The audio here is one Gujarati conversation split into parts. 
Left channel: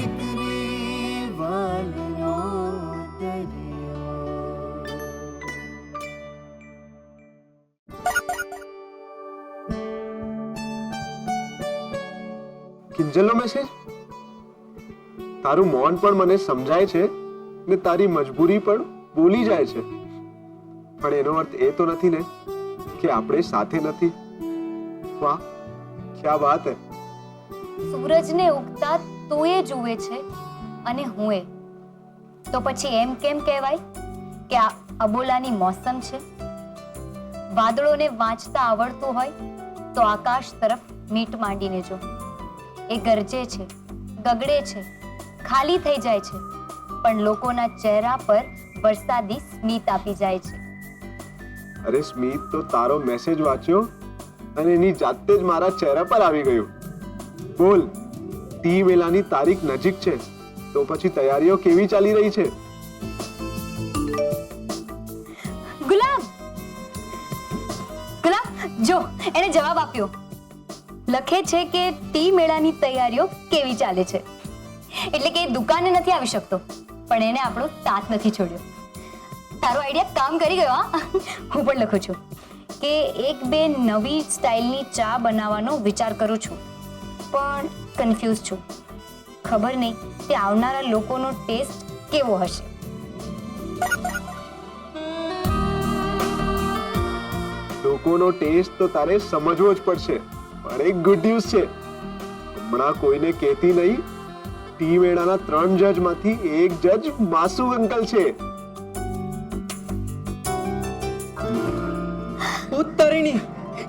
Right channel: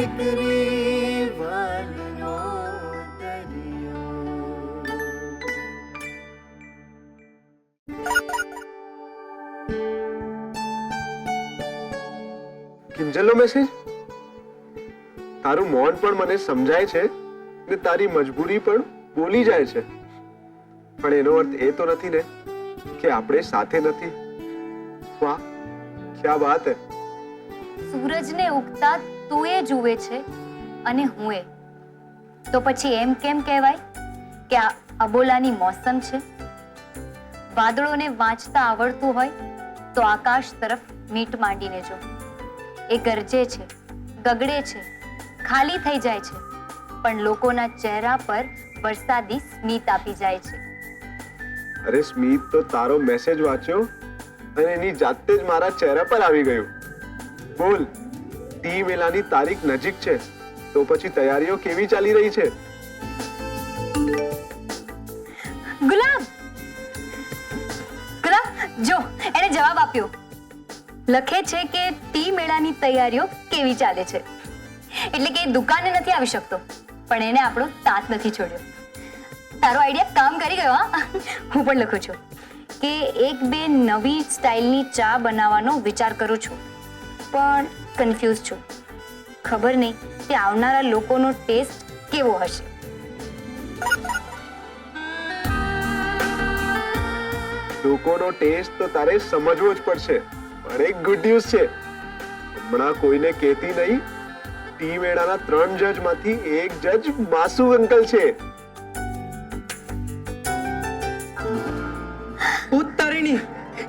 દીકરી વાલનો દરિયો. કિંજલનો મેસેજ? તારું મૌન પણ મને સમજાય છે ને તારી મજબૂરી પણ બોલી જાય છે, પણ એનો અર્થ એ તો નથી ને કે આપણે સાથે નથી. વાહ, ક્યા વાત હે. સૂરજને ઉગતા તું એ જુએ છે અને હું એ, તો પછી એમ કેમ કહેવાય કે આ અબોલાની મોસમ છે? વાદળોને વાંચતા આવડતું હોય તો આકાશ તરફ મીટ માંડીને જો. એ ગરજે છે, ગગડે છે, ખાલી થઈ જાય છે, પણ લોકોના ચહેરા પર વરસાદી સ્મિત આપી જાય છે. અરે સ્મિત તો તારો મેસેજ વાંચ્યો અને એની જાતે જ મારા ચહેરા પર આવી ગયું. બોલ, ટી મેલાની તારીખ નજીક છે, તો પછી તૈયારીઓ કેવી ચાલી રહી છે? ગુલાબ, ગુલાબ જો એને જવાબ આપ્યો. લખે છે કે ટી મેળાની તૈયારીઓ કેવી ચાલે છે. એટલે કે દુકાને નથી આવી શકતો, પણ એને આપણો સાથ નથી છોડ્યો. તારો આઈડિયા કામ કરી ગયો. હા, હું પણ લખું છું કે એક બે નવી સ્ટાઇલની ચા બનાવવાનો વિચાર કરું છું, પણ કન્ફ્યુઝ છું. ખબર નહીં કે આવનારા લોકોનો ટેસ્ટ કેવો હશે. લોકોનો ટેસ્ટ તો તારે સમજવો જ પડશે, પણ એક ગુડ ન્યૂઝ છે. હમણાં કોઈને કહેતી નહીં. ટી મેળાના 3 જજમાંથી એક જજ માસુ અંકલ છે. ઉત્તરીણી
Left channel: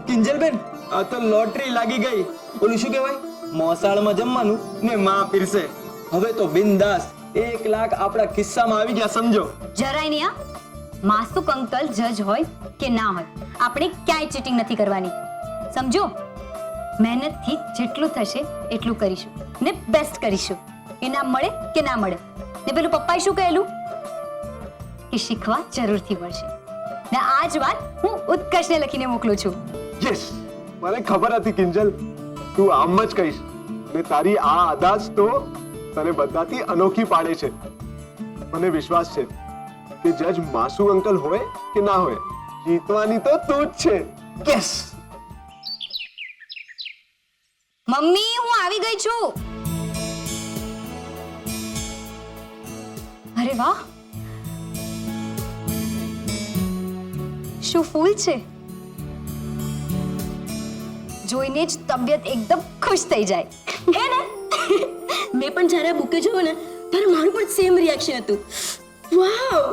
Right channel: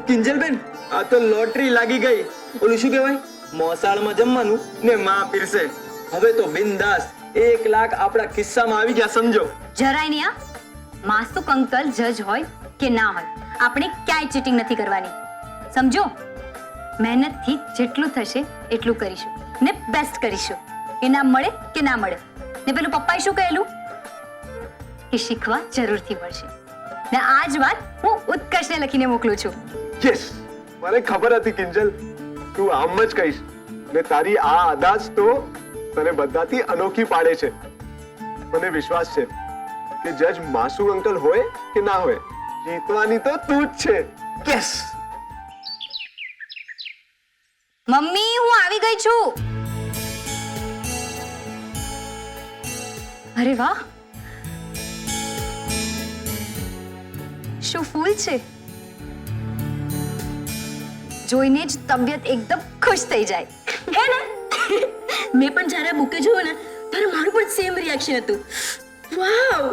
કિંજલબેન, આ તો લોટરી લાગી ગઈ. ઓલું શું કહેવાય, મોસાળમાં જમવાનું ને માં પીરસે. હવે તો બિંદાસ 1 લાખ આપણા ખિસ્સામાં આવી ગયા, સમજો. જરાય નહીં. આ માસુક અંકલ જજ હોય કે ના હોય, આપણે ક્યાંય ચીટિંગ નથી કરવાની, સમજો. મહેનતથી જેટલું થશે એટલું કરીશું ને બેસ્ટ કરીશું. ઇનામ મળે કે ના મળે. ને પેલું પપ્પાએ શું કહેલું કે શીખવા જરૂરથી મળશે. ને આ જ વાત હું ઉત્કર્ષને લખીને મોકલું છું. યસ, મને ખબર હતી કિંજલ, તું આમ જ કહીશ. ને તારી આ અદાજ તો તને બધાથી અનોખી પાડે છે. મને વિશ્વાસ છે કે જજ માસુ અંકલ હોય કે ના હોય, જીતવાની તો તું જ છે. યસ. મમ્મી, હું આવી ગઈ છું. અરે વાહ, શું ફૂલ છે! જોઈને જ તબિયત એકદમ ખુશ થઈ જાય. હે ને? મેં પણ જ્યારે બુકે જોયું ને ત્યારે મારું પણ સેમ રિએક્શન હતું. વાવ!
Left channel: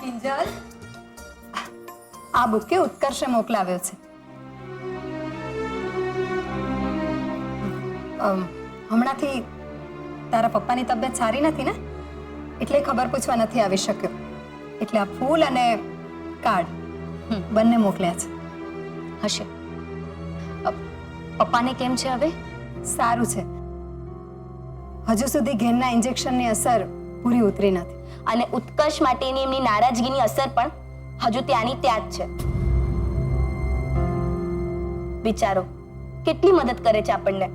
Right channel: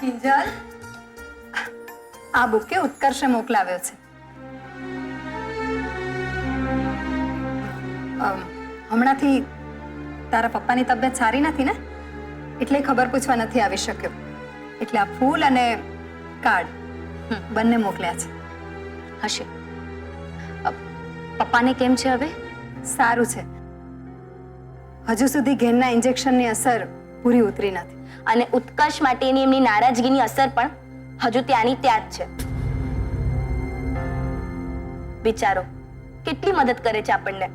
કિંજલ, આ બુકે ઉત્કર્ષે મોકલાવ્યો છે. હમણાંથી તારા પપ્પાની તબિયત સારી નથી ને, એટલે ખબર પૂછવા નથી આવી શક્યો. એટલે આ ફૂલ અને કાર્ડ બંને મોકલ્યા છે. હશે. પપ્પાને કેમ છે હવે? સારું છે. હજુ સુધી ઘેનના ઇન્જેક્શનની અસર પૂરી ઉતરી નથી. અને ઉત્કર્ષ માટેની એમની નારાજગીની અસર પણ હજુ ત્યાંની ત્યાં જ છે. વિચારો, કેટલી મદદ કરે છે આપણને.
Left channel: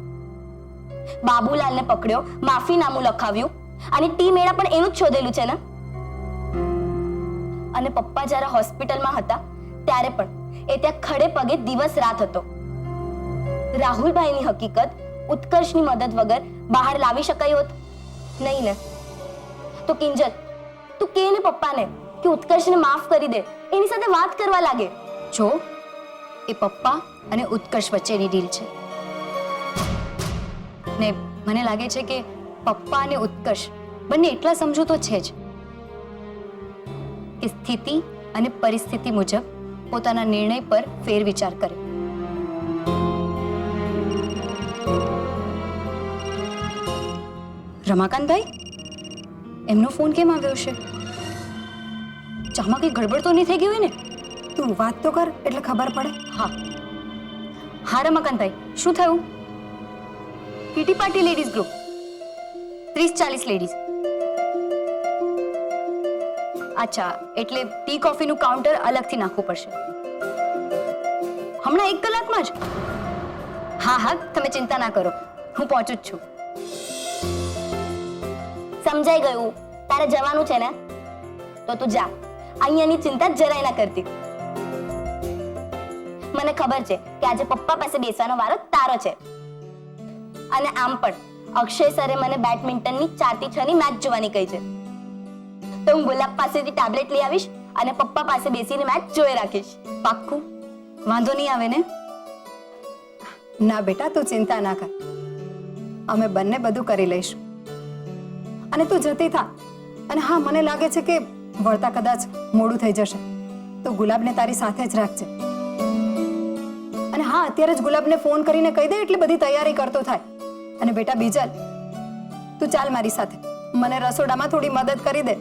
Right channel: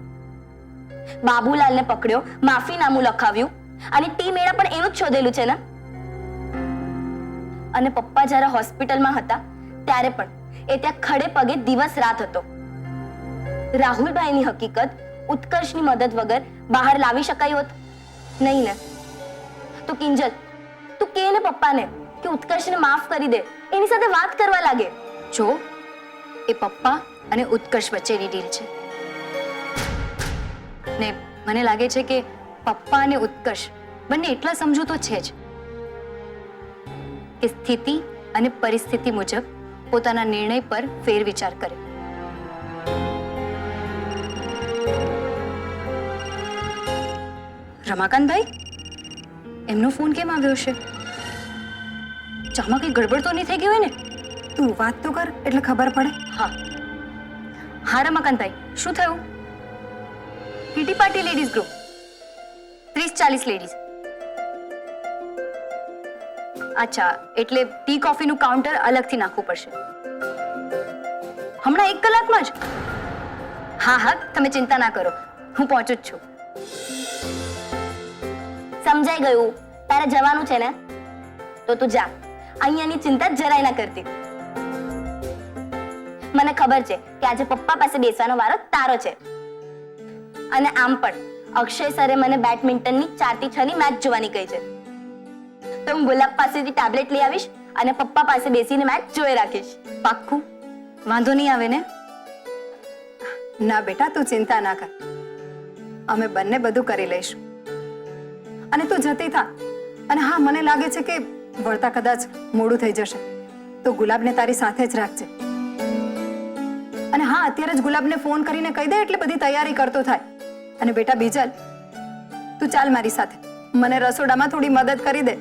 બાબુલાલને પકડ્યો, માફીનામું લખાવ્યું, અને ટી મેળા પણ એનું જ શોધેલું છે ને. અને પપ્પા જ્યારે હોસ્પિટલમાં હતા ત્યારે પણ એ ત્યાં ખડે પગે દિવસ રાત હતો. રાહુલભાઈની હકીકત ઉત્કર્ષની મદદ વગર બહાર લાવી શકાય હોત નહીં ને. તો કિંજલ, તું કે ને પપ્પાને કે ઉત્કર્ષને માફ કરી દે, એની સાથે વાત કરવા લાગે. જો, એ પપ્પા અને ઉત્કર્ષ વચ્ચેની ડીલ છે. ને મને લાગે છે કે પપ્પા અને ઉત્કર્ષ બંને એટલા સમજુ તો છે જ કે સ્થિતિ અને પરિસ્થિતિ મુજબ પોતાના નિર્ણય પર ફેરવિચાર કરે. રમાકાંતભાઈ, એમનો ફોન કેમ આવ્યો છે? ચામાં કઈ ગડબડ તો નહીં થઈ ગઈ હોય ને? તું વાત તો કર એટલે ખબર પડે. હા હા રમાકાંતભાઈ, શું થયું? Kitty party ladies group 30-40 ladies. અચ્છા, એટલે ટી કોફીનું કાઉન્ટર અલગથી નાખવું પડશે. હમણાં 1 કલાકમાં જ? હા હા, તમે ચિંતા ના કરો, હું પહોંચું જ છું. સમજાઈ ગયું. તારે જવાનું છે ને, તો તું જા. અહીંયાની ચિંતા જરાય ના કરતી. મને ખબર છે કે આજે પપ્પા પાસે બેસવાનો વારો તારો છે. અને આમ પણ અક્ષય સરે મને બેડમિન્ટનની 4 થી 6 ની મેચ જોવાની કહી છે. તો હું ગુલાબ પાસેથી ટેબ્લેટ લઈ આવીશ અને પપ્પા પાસે બેસીને મેચ જોઈ રાખીશ. પાક્કું? વાંધો નહીં આવે ને? ના બેટા, તું ચિંતા ના કર, અમે બંને બધું કરી લઈશું. અને તું જતી થા. અને હા, મને લાગે છે કે વળતા કદાચ મોડું થઈ જશે, તો ગુલાબને તારી સાથે જ રાખજે. અને હા, અત્યારે જ ગુલાબને ફોન કરીને કહી દે એટલે બધી તૈયારી કરતો થાય. અને બેટા બીજલ, તું ચાલ મારી સાથે, મને રસોડામાં થોડી મદદ કરી દે.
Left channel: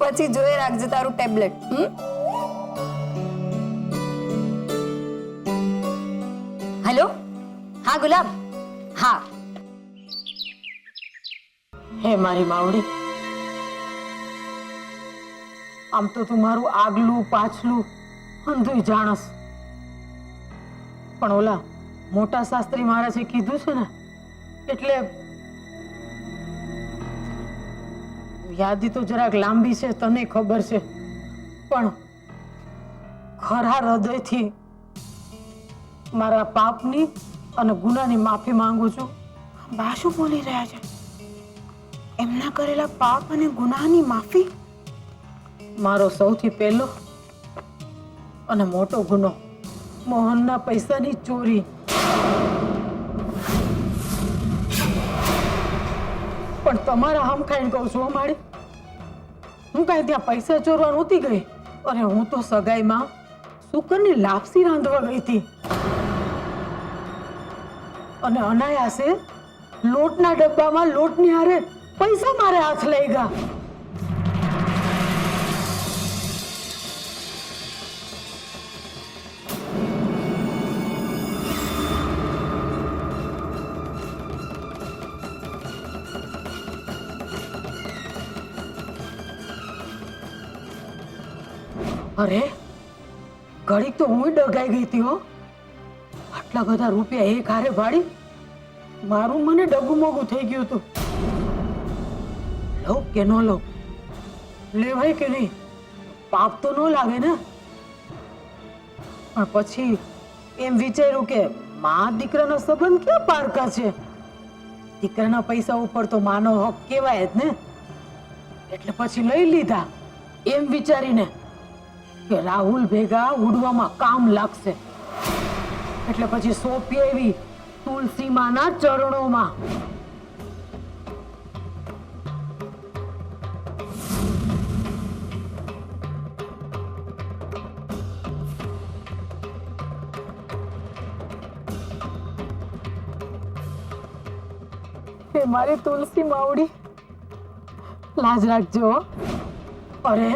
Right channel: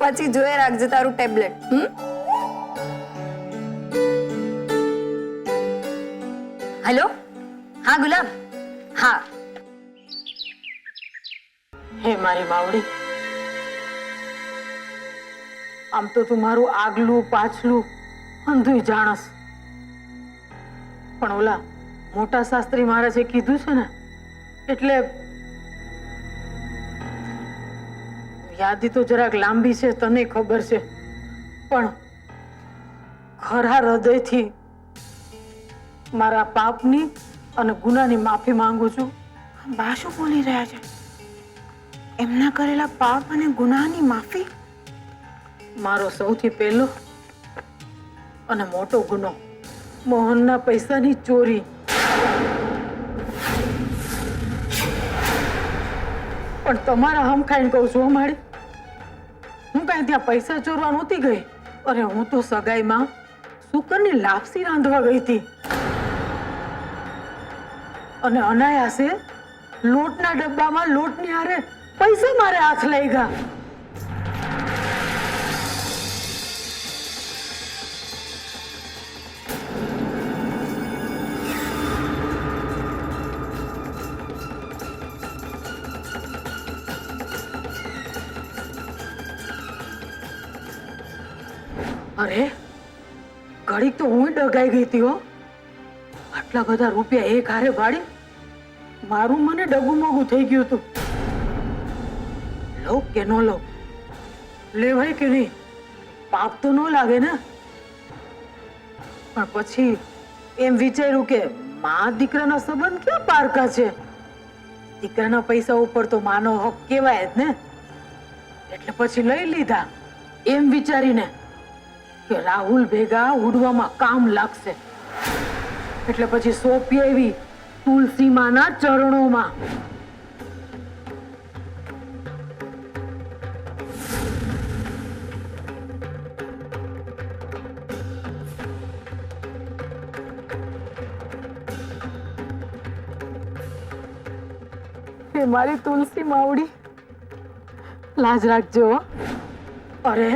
પછી જોઈ રાખજે તારું ટેબ્લેટ. હેલો, હા ગુલાબ, હા. હે મારી માવડી, આમ તો તું મારું આગલું પાછલું અંધુય જાણસ, પણ ઓલા મોટા શાસ્ત્રી મહારાજે કીધું છે ને, એટલે યાદી તો જરાક લાંબી છે, તને ખબર છે, પણ ખરા હૃદયથી મારા પાપની અને ગુનાની માફી માંગુ છું. બા શું બોલી રહ્યા છે? એમના કરેલા પાપ અને ગુનાહની માફી? મારો સૌથી પહેલો અને મોટો ગુનો મોહનના પૈસાની ચોરી. પણ તમારા હમ ખાઈને કહું છું માડી, હું કાંઈ ત્યાં પૈસા ચોરવા નહોતી ગઈ. અરે હું તો સગાઈમાં શુકરની લાપસી રાંધવા ગઈ હતી અને અનાયાસે લોટના ડબ્બામાં લોટની હારે પૈસા મારે હાથ લઈ ગયા. અરે ઘડીક તો હું ડગાઈ ગઈ હતી હો. આટલા બધા રૂપિયા એક હારે ભાડી મારું મને ડગું મોગું થઈ ગયું હતું. લો કે ન લો, લેવાય કે નહીં, પાપ તો ન લાગે ને. પણ પછી એમ વિચાર્યું કે માં દીકરાના સંબંધ ક્યાં પારકા છે, દીકરાના પૈસા ઉપર તો માનો હક કહેવાય જ ને. એટલે પછી લઈ લીધા એમ વિચારીને કે રાહુલ ભેગા ઉડવામાં કામ લાગશે. એટલે પછી સોંપી આવી તુલસી માના ચરણોમાં. હે મારી તુલસી માવડી, લાજ રાખજો. અરે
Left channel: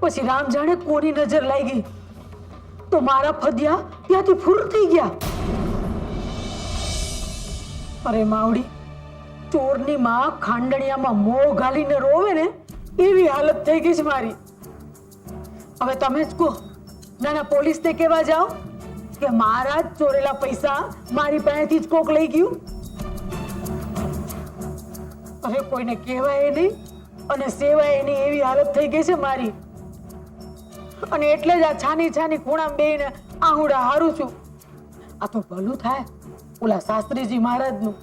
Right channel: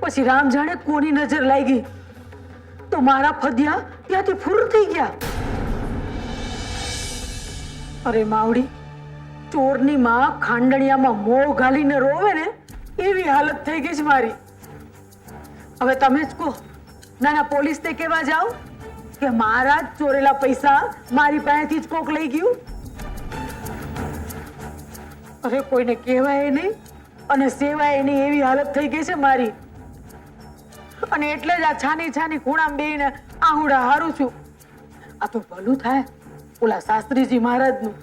પછી રામ જાણે કોની નજર લાગી તો મારા ફદિયા ત્યાંથી ફૂર થઈ ગયા. અરે માવડી, ચોરની માં ખાંડણિયામાં મોં ઘાલીને રોવે ને એવી હાલત થઈ ગઈ છે મારી. હવે તમે જ કહો, નાના પોલીસને કહેવા જાઓ કે મારા જ ચોરેલા પૈસા મારી પાસેથી જ કોક લઈ ગયું? અરે કોઈને કહેવાય નહીં અને સેવાય નહીં એવી હાલત થઈ ગઈ છે મારી. અને એટલે જ આ છાની છાની ખૂણામાં બેહીને આહુડા હારું છું. આ તો ભલું થાય ઓલા શાસ્ત્રીજી મહારાજનું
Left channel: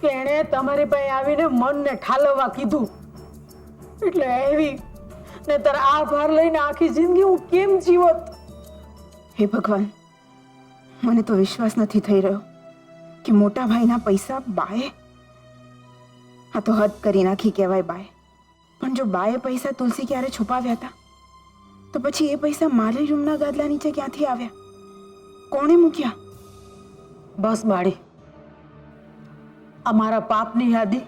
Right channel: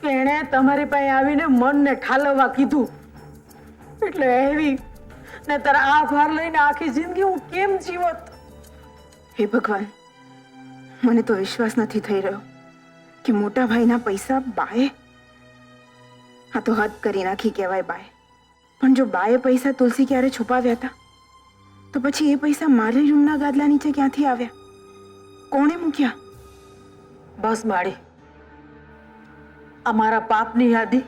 કે એણે તમારી પાસે આવીને મનને ઠાલવવા કીધું, એટલે એવી ને તાર આ ભાર લઈને આખી જિંદગી હું કેમ જીવત? હે ભગવાન, મને તો વિશ્વાસ નથી થઈ રહ્યો કે મોટા ભાઈના પૈસા બાએ. આ તો હદ કરી નાખી કહેવાય બાએ. પણ જો બાએ પૈસા તુલસી ક્યારે છુપાવ્યા હતા, તો પછી એ પૈસા મારી રૂમના ગાદલા નીચે ક્યાંથી આવ્યા? કોણે મૂક્યા? બસ માડી, આ મારા પાપની યાદી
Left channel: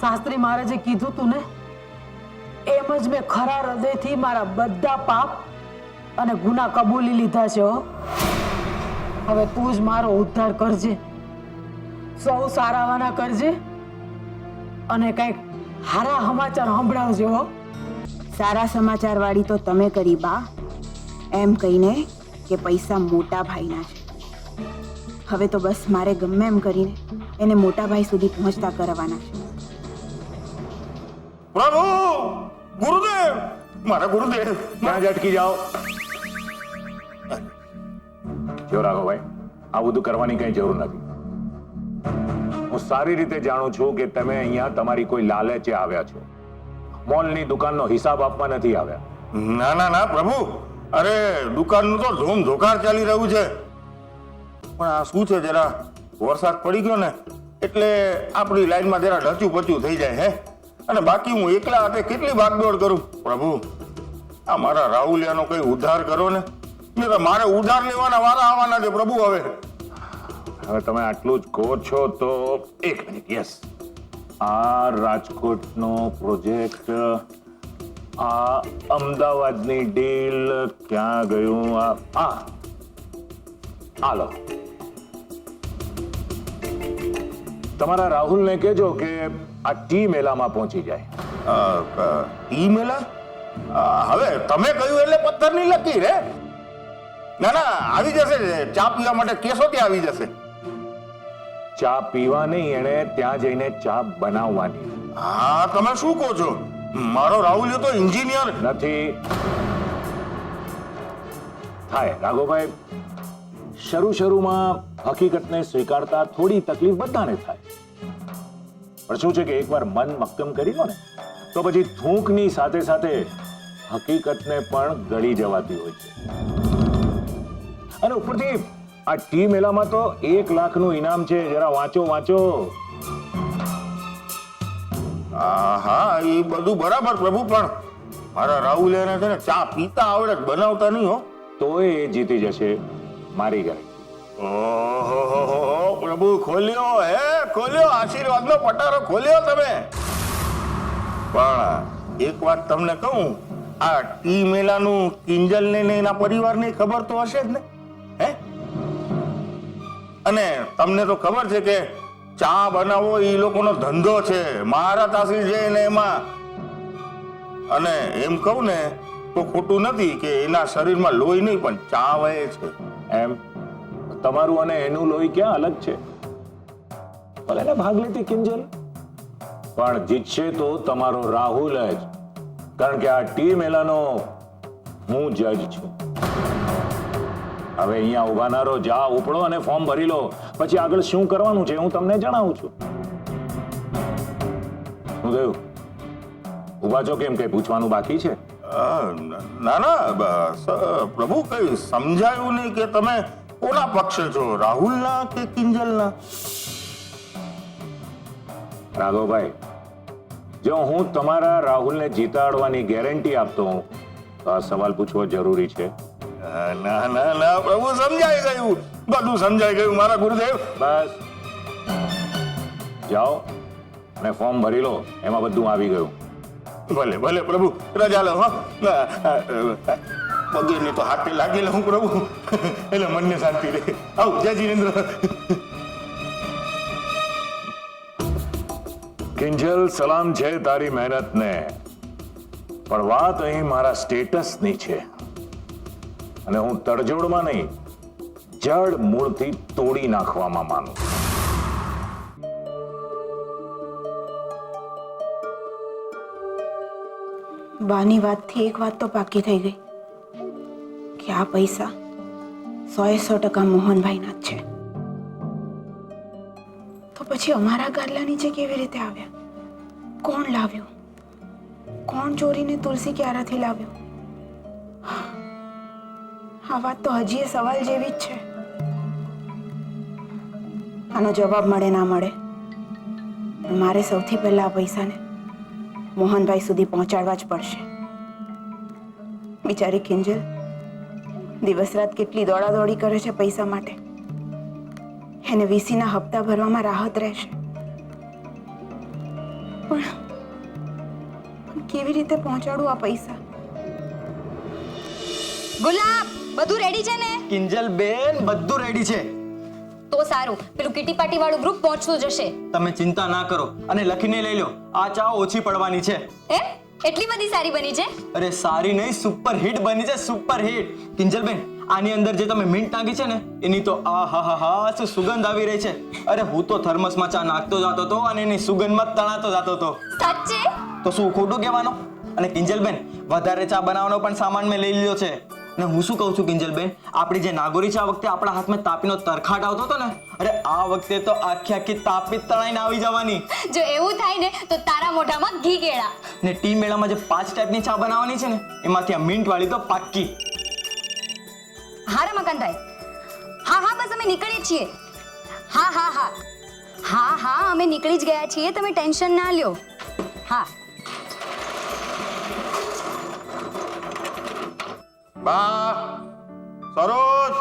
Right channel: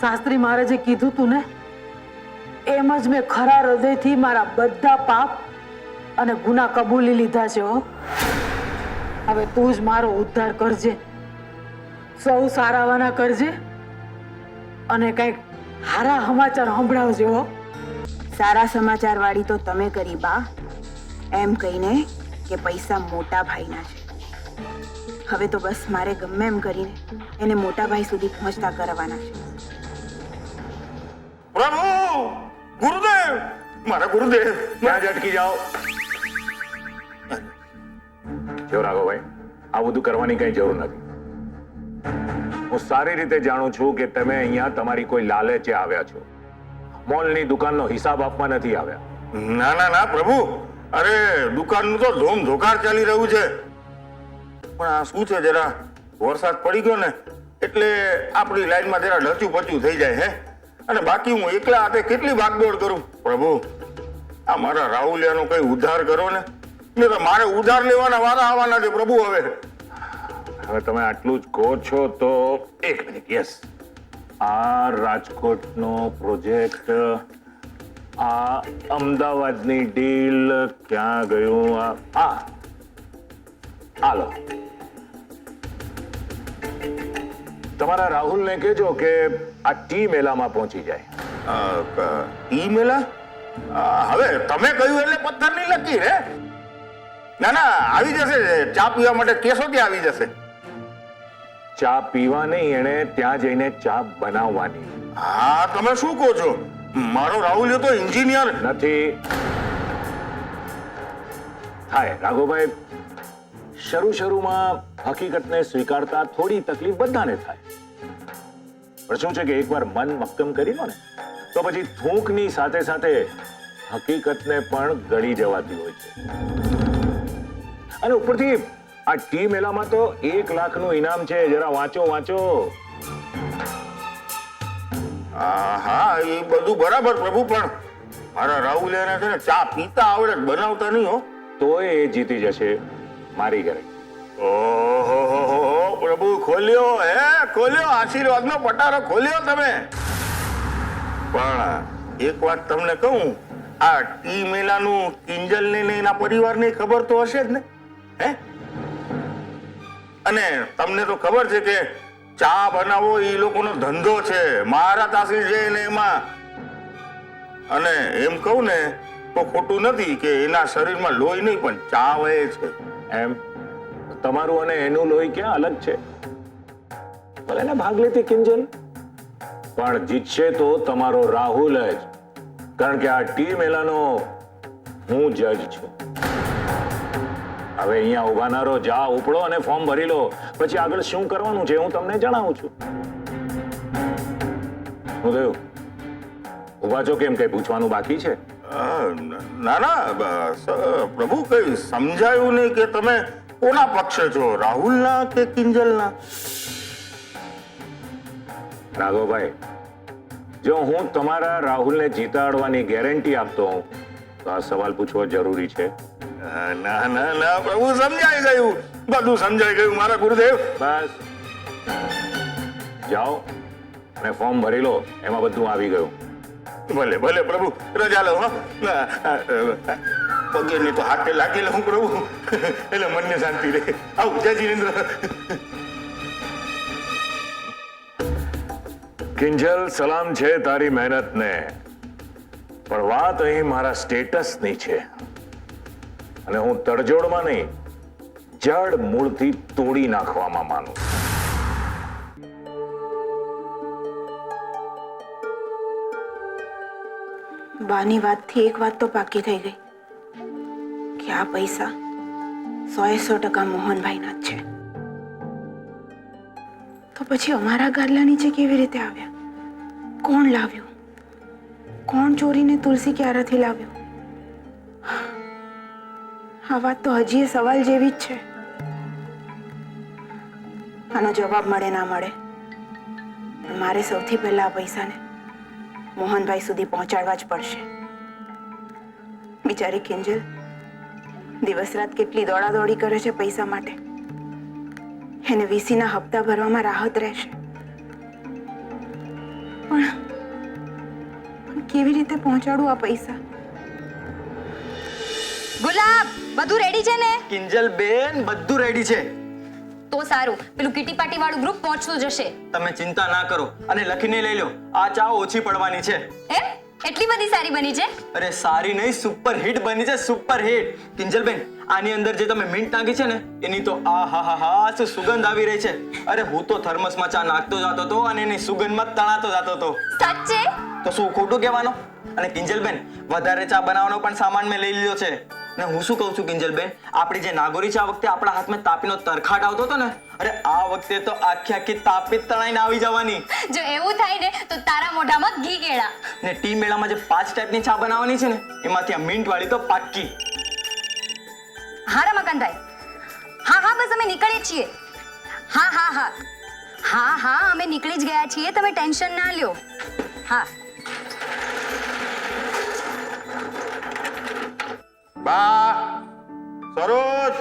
શાસ્ત્રી મહારાજે કીધું તું ને, એમ જ મેં ખરા હૃદયથી મારા બધા પાપ અને ગુના કબૂલી લીધા છે. હવે તું જ મારો ઉદ્ધાર કરજે, સૌ સારાવાના કરજે અને કંઈક હારા સમાચાર સંભળાવજો. સારા સમાચાર વાળી તો તમે કરી બા, એમ કહીને કે પૈસા મોટા ભાઈના છે. હવે તો બસ મારે ગમે એમ કરીને એને મોટા ભાઈ સુધી પહોંચતા કરવાના છે. પ્રભુ ગુરુદેવ મારા ગુરુદેવ ત્યાં જ અટકી જાઓ. જો રાઘવભાઈ, આ બધું કરવાની કઈ જરૂર નથી. હું સારી રીતે જાણું છું કે તમે અહીંયા તમારી કોઈ લાલચે આવ્યા છો. મોલની દુકાનનો હિસાબ આપવા નથી આવ્યા. ના ના ના પ્રભુ, અરે દુકાનનું તો ધૂમ ધોકાર ચાલી રહ્યું છે, પણ આ શું છે, જરા વરસાદ પડી ગયો ને એટલે આપણી લાઈનમાં જરા ઢચું પચું થઈ જાય હે. અને બાકી હું એકલા હાથે કેટલી ભાગદોડ કરું. પ્રભુ, આ મારા રાહુલિયાનો કઈ ઉદ્ધાર કરો ને, નહીં તો મારે ઉધાર લેવાના વારા આવવાના છે પ્રભુ. હવે તમે આટલું જ કહો છો તો એક મિનિટ. યસ, આ રાજકોટનો પ્રોજેક્ટ, આ અમદાવાદની ડીલ ક્યાં ગયું? હાલો, તમારા રાહુલને કહેજો કે આ ટી મેલામાં પહોંચી જાય. ઈ મેલા? હવે તમે કહ્યું એટલે પથ્થરની લકીર હે. ના ના, આવી જશે. ચા પીવા માટે કેસો ત્યાં આવી જશે. ચા પીવા નહીં, એણે ત્યાં જઈને ચા બનાવવાની. હા, તમે શું કહો છો? મારો રાહુલ તો એન્જિનિયર નથી. થાય રાઘવભાઈ, શરૂમાં હકીકતને સ્વીકારતા થોડી તકલીફ બધાને થાય, પણ શું છે કે એકવાર મન મક્કમ કરી લો ને તો પછી થૂંકની સાથે સાથે હકીકતને પણ ગળી જવાતી હોય છે. અને ઉપરથી આ ટી મેલામાં તો 1 લાખનું ઇનામ છે. જરા વાંચો. હા, એ બધું બરાબર પ્રભુ, પણ મારા રાહુલ એને છે ને ચા પીતા આવડે, બનાવતા નહીં હો. તોય એ જીતી જશે, મારી ગેરંટી. ઓહો પ્રભુ, ખોલ્યો આશીર્વાદનો પટારો ખોલ્યો તમે. પણ એક વાત તમને કહું, આ ટી મેલાનું કિંજલને ને એના પરિવારને ખબર તો હશે જ ને, હે? અને તમને તો ખબર છે કે ચા બનાવો એ લોકોનો ધંધો છે, મારા તાસીર છે ને એમાં. અને એમ કહું ને તો ખોટું નથી કે એના શરીરમાં લોહી નહીં પણ ચા વહે છે. એમ તમારું અને એનું લોહી ક્યાં અલગ છે? ભલે ને ભાગ લેતી કિંજલ, પણ જીતશે તો તમારો રાહુલ જ, કારણ કે આ ટી મેલાનો હું જજ છું. હવે અહીંયા ઉભા ના રહો, જા ઉપડો અને ફોર્મ ભરી લો. પછી આગળ શું કરવાનું છે હું તમને જણાવું છું. શું થયું? ઉભા છો કેમ? કઈ પૂછવાનું બાકી છે? ના ના બસ પ્રભુ, કઈ સમજાયું નહીં કે તમે કોના પક્ષે છો, રાહુલના કે કિંજલના? રાઘવભાઈ, જો હું તમારા રાહુલને જીતાડવાની ગેરંટી આપતો હોઉં તો આ સવાલ પૂછવો જરૂરી છે? ના ના ના પ્રભુ, સમજાઈ ગયું, બધું સમજાઈ ગયું મારા ગુરુદેવ. બસ જાઓ અને ફોર્મ ભરી લો, એમાં બધું આવી ગયું. ભલે ભલે પ્રભુ, રજા લો. હા, પગે ની તો હાથે લાગી લઉં પ્રભુ, એટલે મનને શાંતિ રહે. આવ જય જીનેન્દ્ર. કિંજલ, સલામ છે તારી મહેનતને, પણ વાત અહીં મારા સ્ટેટસની છે. અને હું તડજોડમાં નહીં, જડ મૂળથી તોડી નાખવામાં માનું. બાની વાતથી એક વાત તો પાકી થઈ ગઈ કે આ પૈસા 100% મોહનભાઈના જ છે. તો પછી અમારા ગાદલા નીચે કેવી રીતે આવ્યા? કોણ લાવ્યું? કોણ ચોરીને તુલસી ક્યારાથી લાવ્યો? આ વાત તો હજી એ સવાલ જેવી જ છે. આનો જવાબ મળે ના મળે, પણ મારે સૌથી પહેલા આ પૈસાને મોહનભાઈ સુધી પહોંચાડવા જ પડશે. બિચારી કિંજલ દિવસ રાત કેટલી દોડાદોડી કરે છે પૈસા માટે. એને વીસીના હપ્તા ભરવામાં રાહત રહેશે, પણ કેવી રીતે પહોંચાડું આ પૈસા? ગુલાબ, બધું રેડી છે ને? કિંજલ બેન, બધું રેડી છે. તો સારું, પેલું કીટી પાર્ટી વાળું ગ્રુપ પહોંચતું જશે. તમે ચિંતા ના કરો અને લખીને લઈ લો, આ ચા ઓછી પડવાની છે. હે? એટલી બધી સારી બની છે? અરે સારી નહીં, સુપર હિટ બની છે, સુપર હિટ. કિંજલબેન, આની અંદર જે તમે મિન્ટ નાખી છે ને એની તો આ હા હા હા શું સુગંધ આવી રહી છે. અરે હું તો થર્મસમાં ચા નાખતો જતો હતો અને એની સુગંધમાં તણાતો જતો હતો. સાચે? તો શું ખોટું કહેવાનું? અને કિંજલબેન, વધારે ચા બનાવવાનો પણ સામાન મેં લઈ લીધો છે. અને હું શું કહું છું કિંજલબેન, આપણી જે નાગોરી ચા વખતે આપણા હાથમાં તાપીનો તરખાટ આવતો હતો ને, અરે આ વખતે તો આખી આખી તાપી તણાઈને આવી જવાની. જો એવું થાય ને તો તારા મોઢામાં ઘી કેળા. ને ટી મેળામાં જે 5 ટાઈપની ચા બનાવવાની છે ને એમાંથી આ મિન્ટ વાળી તો પાક્કી. હા રમાકાંતભાઈ, હા હા બસ અમે નીકળીએ છીએ. હા હા હા હા હા અમે નીકળી જ ગયા છીએ, તમે ટેન્શન ના લ્યો. હા બા, સરોજ,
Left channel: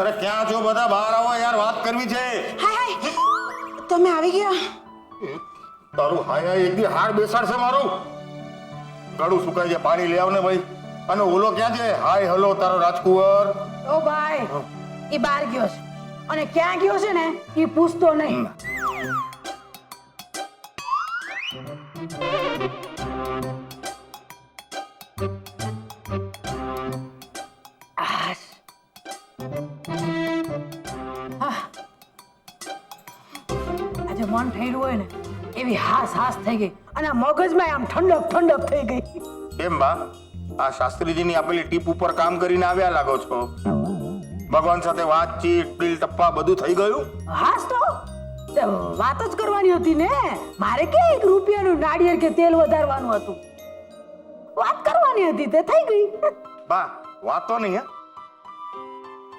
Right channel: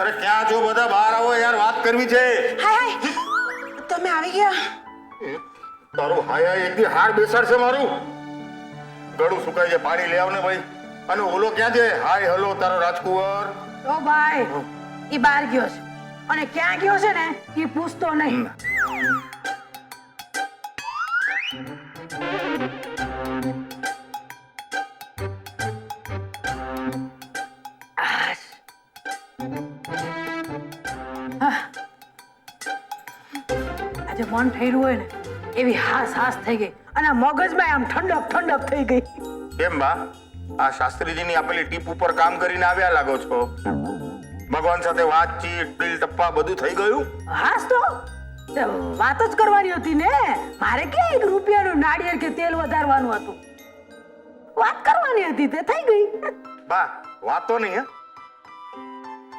અરે ક્યાં છો બધા? બહાર આવો યાર, વાત કરવી છે. હાય હાય, તમે આવી ગયા? તારું હાય હાય એક દી હાર બેસાડશે મારું. ગળું સુકાઈ જાય, પાણી લઈ આવ ને ભાઈ. અને ઓલો ક્યાં છે? હાય હલો તારો રાજકુંવર. ઓ ભાઈ, એ બહાર ગયો છે અને ક્યાં ગયો છે ને એ પૂછતો નહીં. આજે મન થયેલું હોય ને એવી હાસ હાસ થઈ ગઈ અને આ મગજમાં આમ ઠંડક ઠંડક થઈ ગઈ. કેમ બા, આ શાસ્ત્રીજીની આપેલી ટીપ ઉપર કામ કરીને આવ્યા લાગો છો. ભગવાન સાથે વાતચીત, ટીલ ટપ્પા બધું થઈ ગયું? હાસ તો તે વાત જ કરવાની હતી ને. મારે કે 1 રૂપિયાનું નાળિયેર કે તેલ વધારવાનું હતું. વાત કરવાની હતી તે થઈ ગઈ. બા, વાતો નહીં હે.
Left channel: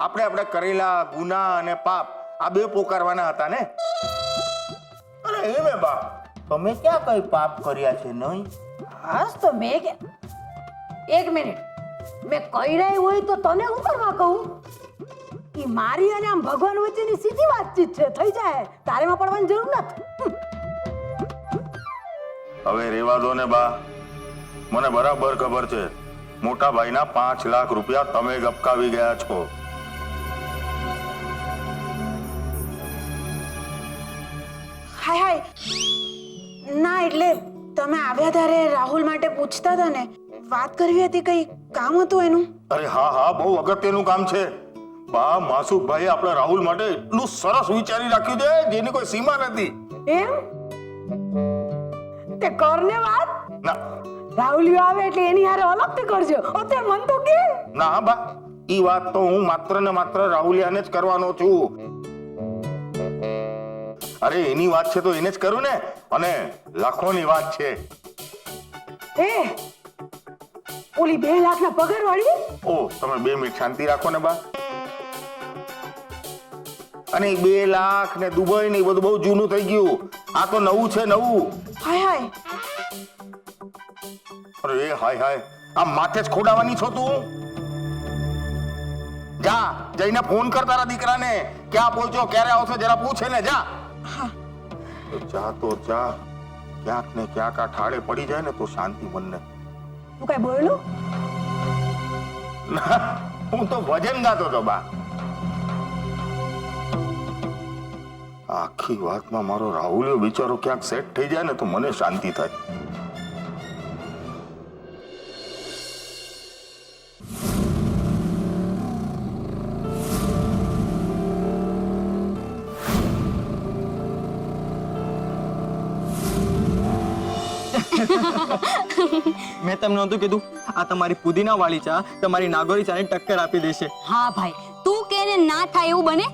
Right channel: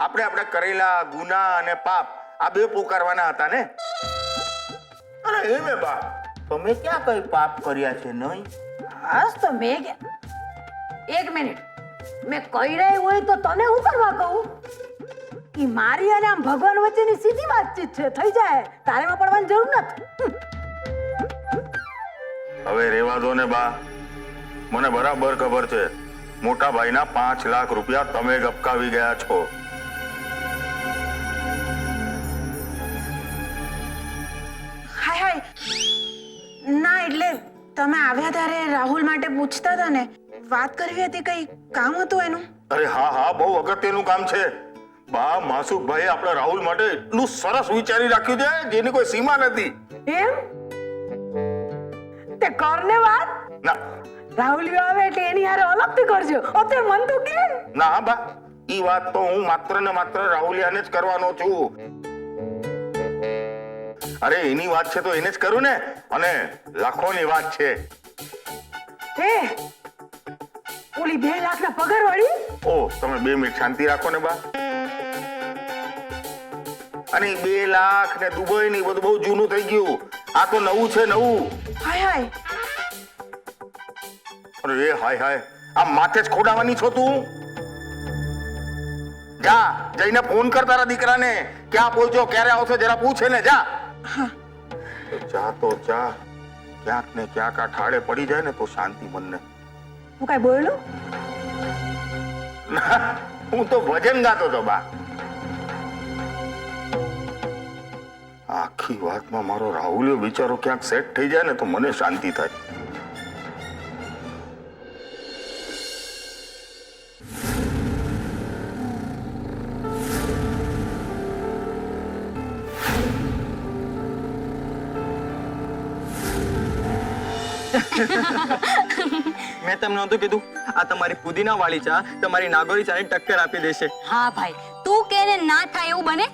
આપણે કરેલા ગુના અને પાપ આ બે પોકારવાના હતા ને. અને એમે બા, તમે ક્યાં કઈ પાપ કર્યા છે નહીં? હાસ તો મેં કે 1 મિનિટ મેં કહી રહી હોય તો તને હું કરવા કહું? ઈ મારી અને આમ ભગવાન વચ્ચેની સીધી વાતચીત છે, થઈ જાય, તારેમાં પડવાની જરૂર નથી. હવે રેવા દો ને બા. મને બરાબર ખબર છે મોટા ભાઈના 5 લાખ રૂપિયા તમે ગપકાવી ગયા છો. હાય હાય, ના એટલે તમે આવ્યા ત્યારે રાહુલ માટે પૂછતા હતા ને, વાત કરવી હતી, કઈ કામ હતું એનું? અરે હા હા, બહુ અગત્યનું કામ છે બા. માસુકભાઈ આપણા રાહુલ માટે એટલું સરસ વિચારી રાખ્યું છે જેની કોઈ સીમા નથી. એમ તે કરને વાત. ના રાહુલિયો આવે એટલે એની હારે અલગથી કરજો. ઓતે મન તો કે ના બા, ઈ વાત તો હું માત્ર ને માત્ર રાહુલિયાને જ કરવાનો છું. અરે એની વાત છે તો એને જ કરું ને. અને લાખોની વાત છે. એ ઓલી 2 લાખના પગાર વાળી. ઓ તમે 2 મિનિટ શાંતિ રાખો ને બા. અને 2 લાખ ને દુબઈ ને એ બધું બહુ જૂનું થઈ ગયું. આ તો નવું છે, નવું. હાય હાય, અરે એ હાય હાય, આ માથે જ ખોડાવાની છો તું? જા જઈને ફોન કર તારા દીકરાને, ક્યાં પહોંચ્યો, ક્યારે આવશે, જરા પૂછે ને. જા જા તો જા. ક્યાંક ને ક્યાંક આ ઠાળે પડી જાય ને તો શાંતિ મનને. તું કઈ બોલ્યો? ના, હું તો ભજન ગાતો હતો બા. આખી વાતમાં મારો રાહુલિયો બિચારો ક્યાંક સેટ થઈ જાય ને તો મને શાંતિ થાય. મેં તમને નહોતું કીધું આ તમારી પુદીના વાળી ચા તમારી નાગોરી ચાને ટક્કર આપી દેશે. હા ભાઈ, તું કે ને ના થાય એવું બને.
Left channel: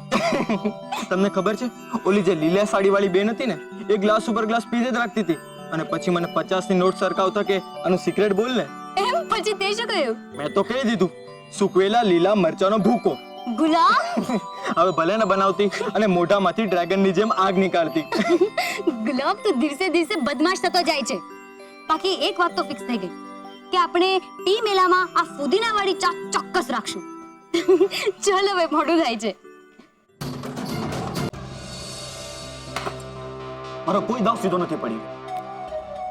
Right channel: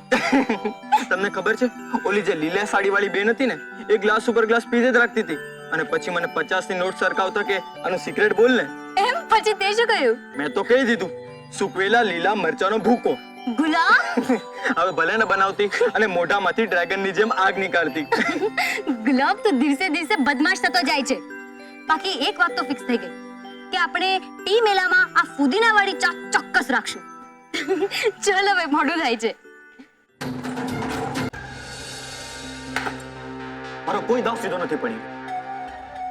તમને ખબર છે ઓલી જે લીલા સાડી વાળી બેન હતી ને, એ ગ્લાસ ઉપર ગ્લાસ પીધે જ રાખતી હતી અને પછી મને 50 ની નોટ સરકાવતા કે આનું સિક્રેટ બોલ ને. એમ પછી તે શું કહ્યું? મેં તો કહી દીધું, સુકવેલા લીલા મરચાનો ભૂકો. ગુલાબ હવે ભલે ને બનાવતી અને મોઢામાંથી ડ્રેગનની જેમ આગ નીકાળતી. ગુલાબ તો દિવસે દિવસે બદમાશ થતો જાય છે. બાકી એક વાત તો ફિક્સ થઈ ગઈ કે આપણે ટી મેલામાં આ ફુદીના વાળી ચા ચોક્કસ રાખશું. ચલ હવે મોડું થાય છે. મારો કોઈ દાવ સીધો નથી પડ્યો.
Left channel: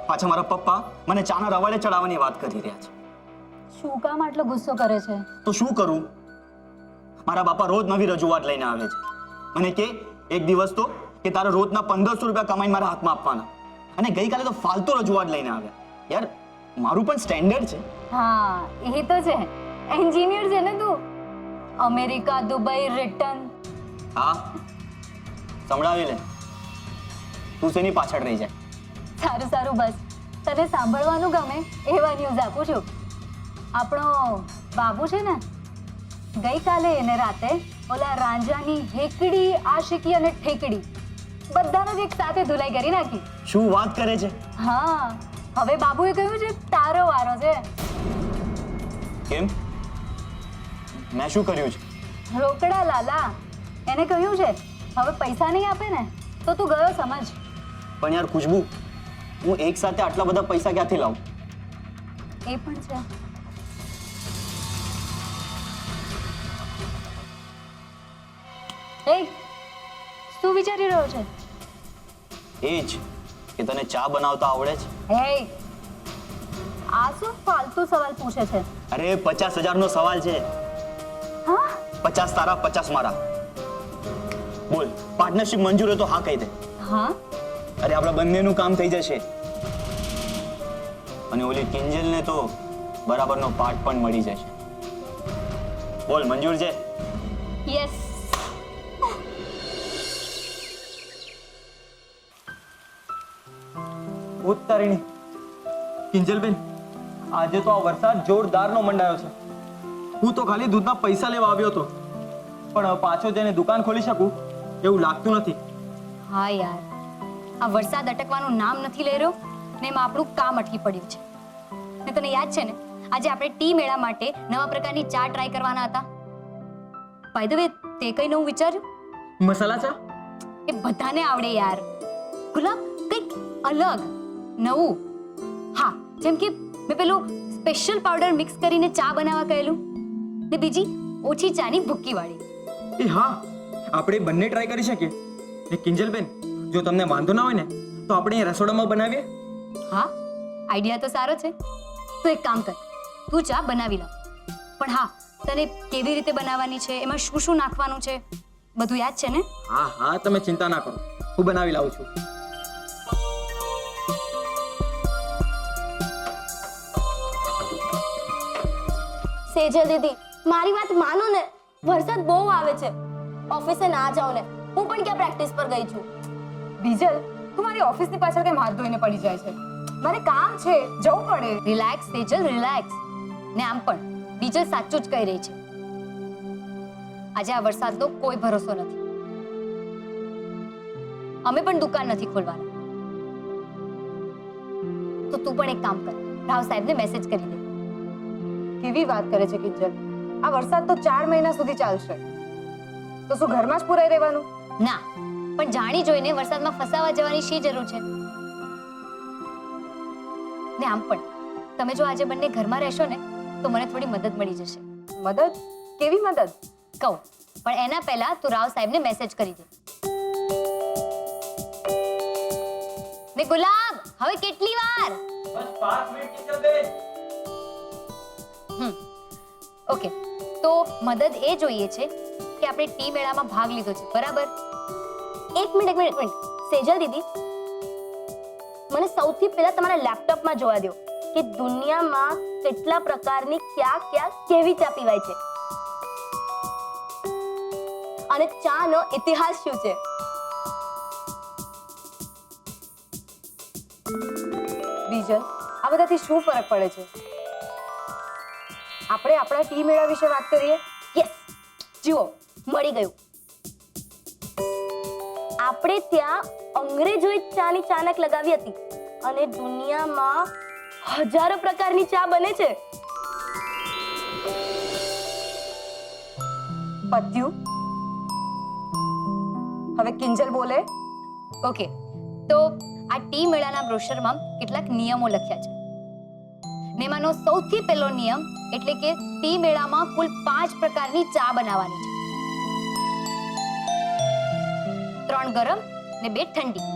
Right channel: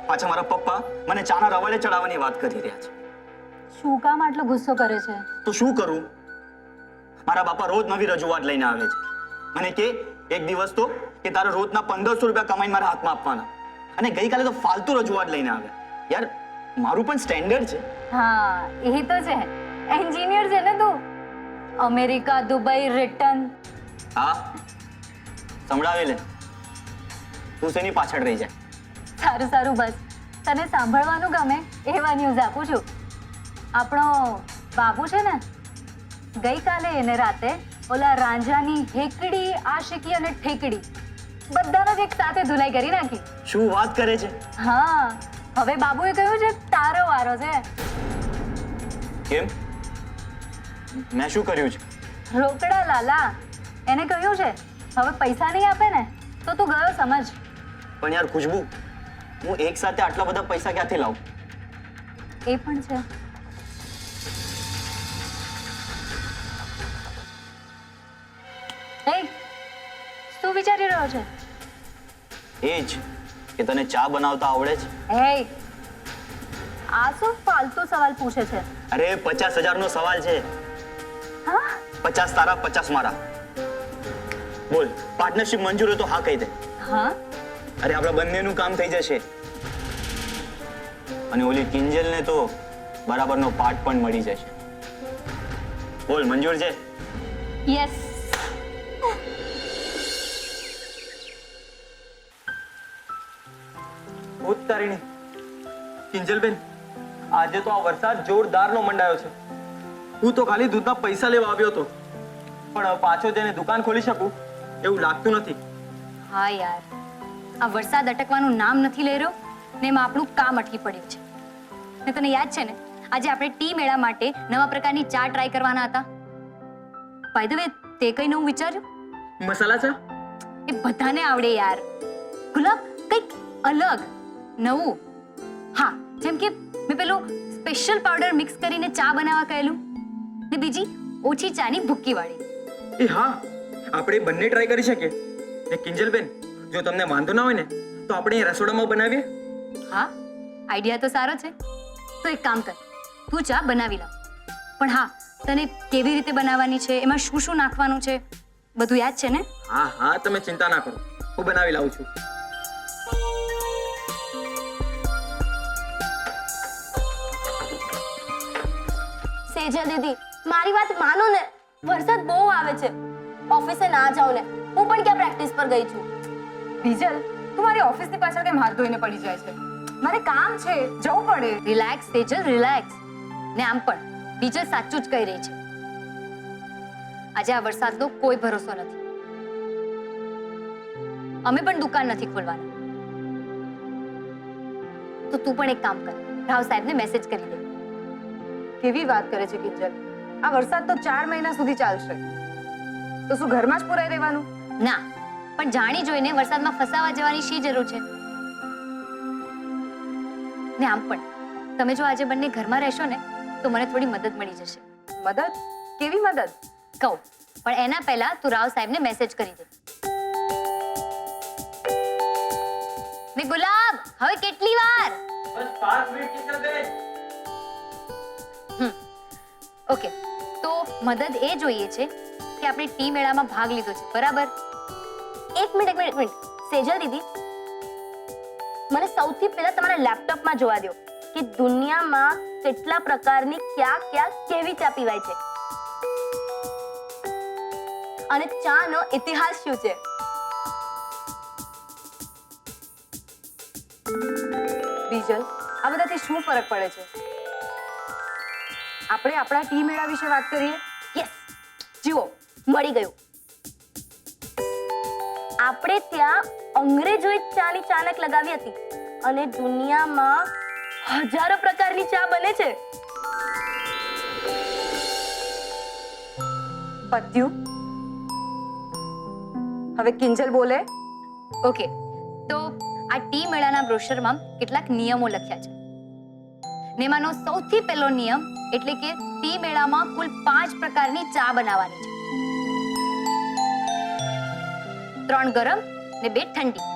પાછા મારા પપ્પા મને ચાના રવાડે ચડાવવાની વાત કરી રહ્યા છે. શું કામ આટલો ગુસ્સો કરે છે? તો શું કરું? મારા બાપા રોજ નવી રજૂઆત લઈને આવે છે. મને કે એક દિવસ તો કે તારા રોજના 1500 રૂપિયા કમાઈને મારા હાથમાં આપવાના. અને ગઈકાલે તો ફાલતુ રજૂઆત લઈને આવ્યા. યાર મારું પણ સ્ટેન્ડર્ડ છે. હા એ તો છે, એન્જિનિયર છે ને તું. America, Dubai, return. હા, સંભળાવી લે. તું શેની પાછળ રહી જાય? સારું સારું, બસ તને સાંભળવાનું ગમે એવા ન્યૂઝ આપું છું. આપણો બાબુ છે ને, ગઈકાલે એને રાતે ઓલા રાંઝાની હેકડી, આશિકી અને ઠેકડી બધાનો જ એક સાથે ધુલાઈ કરી નાખી. શું વાત કરે છે? હા, હવે બાબુએ કહ્યું છે તારો વારો છે. કેમ? મેં શું કર્યું છે? રોકડા લાલા, એને કહ્યું છે હવે પૈસા નહીં આપે ને તો તું ગયો સમજ. પણ યાર ખુશ્બુ, હું એક સાથે આટલા બધા પૈસા ક્યાંથી લાવું? એ પણ છે. એ શું વિચારી રહ્યો છે? એ જ કે તને ચા બનાવતા આવડે છે? હે, આ શું ફાલતુ સવાલ પૂછે છે? અરે 50,000 નો સવાલ છે. હા, 50 તારા 50 મારા. બોલ, પાર્ટનરશિપ મંજૂર હોય તો હા કહી દે. હા, અરે આપણા બંનેનું કામ થઈ જશે. અને ઓલી કિંજલને તો બરાબરનો પાર્ટ પણ મળી જશે. બોલ, મંજૂર છે? યસ. ઉત્તરીણી કિંજલબેન, આજે તો આ વરસાદ જોરદારનો મંડાયો છે. હું તો ખાલી દૂધના પૈસા લેવા આવ્યો હતો, પણ પાછો જઈને દુકાન ખોલી શકું એવું લાગતું નથી. હા યાર, આ વરસાદ અટકવાનું નામ નથી લઈ રહ્યો ને એમાં આપણું કામ અટકી પડ્યું છે. ને તને યાદ છે ને, આજે આપણે ટી મેળા માટે નવા પ્રકારની ચા ટ્રાય કરવાના હતા. બાય ધ વે, તે કઈ નવું વિચાર્યું? મસાલા ચા? એ બધાને આવડે યાર. ગુલાબ, કંઈક અલગ નવું. હા, જેમ કે મેં પેલું સ્પેશિયલ પાવડર મિક્સ કરીને ચા બનાવવા કહેલું, ને બીજી ઓછી ચાની ભૂક્કી વાળી. એ હા, આપણે બંને ટ્રાય કરી શકીએ. ને કિંજલબેન, જો તમને વાંધો ના હોય ને તો આપણે રસોડામાં બનાવીએ. હા, આઈડિયા તો સારો છે. તો એક કામ કર, તું ચા બનાવી લાવ. પણ હા, તને કેવી રીતે બનાવવાની છે, એમાં શું શું નાખવાનું છે, બધું યાદ છે ને? હા હા, તમે ચિંતા ના કરો, હું બનાવી લાવું છું. સેજલ દીદી, મારી વાત માનો ને, વરસાદ બહુ આવે છે. ઓફિસે ના જાઉં ને, હું પણ ક્યાં પ્રેક્ટિસ પર ગઈ છું. બીજલ, તું મારી ઓફિસની પાછળ કેમ હાથ ધોઈને પડી જાય છે? મારે કામ છે, જવું પડે. Relax Tejal, relax. ને આમ પણ બીજલ સાચું જ કહી રહી છે. આજે આ વરસાદનો કોઈ ભરોસો નથી. અમે પણ દુકાન નથી ખોલવાના. તો તું પણ એક કામ કર, રાવ સાહેબને મેસેજ કરી દે. કેવી વાત કરે છે કિંજલ? આ વરસાદ તો 4 મહિના સુધી ચાલશે. તો શું ઘરમાં જ પુરાઈ રહેવાનું? ના, પણ જાણી જોઈને વરસાદમાં ફસાવા જવાની શી જરૂર છે? ને આમ પણ તમે જો આજે બંને ઘરમાં રહેશો ને તો મને થોડી મદદ મળી જશે. મદદ? કેવી મદદ? કહું, પણ એના પહેલા તું રાવ સાહેબને મેસેજ કરી દે. ને ગુલાબ, હવે કેટલી વાર? બસ 5 મિનિટ કિંજલબેન. ઓકે, તો મદદ એ જોઈએ છે કે આપણે ટી મેળામાં ભાગ લીધો છે, બરાબર? એક મિનિટ. સેજલ દીદી, મને સૌથી પહેલા તમારા લેપટોપમાં જોવા દો કે દુનિયામાં કેટલા પ્રકારની ક્યાં કેવી ચા પીવાય છે અને ચાનો ઇતિહાસ શું છે. બીજલ, આ બધાથી શું ફરક પડે છે? આપણે આપણા ટી મેળા વિશે વાત કરીએ. યસ, જુઓ, મળી ગયું. આપણે ત્યાં અંગ્રેજોએ ચાની ચાનક લગાવી હતી અને દુનિયામાં હજારો પ્રકારની ચા બને છે. પત્યું? હવે કિંજલ બોલે. ઓકે, તો આ ટી મેળાના બ્રોશરમાં કેટલાક નિયમો લખ્યા છે. ને એમાંનો સૌથી પહેલો નિયમ એટલે કે ટી મેળામાં કુલ 5 પ્રકારની ચા બનાવવાની છે. 3 ગરમ ને 2 ઠંડી.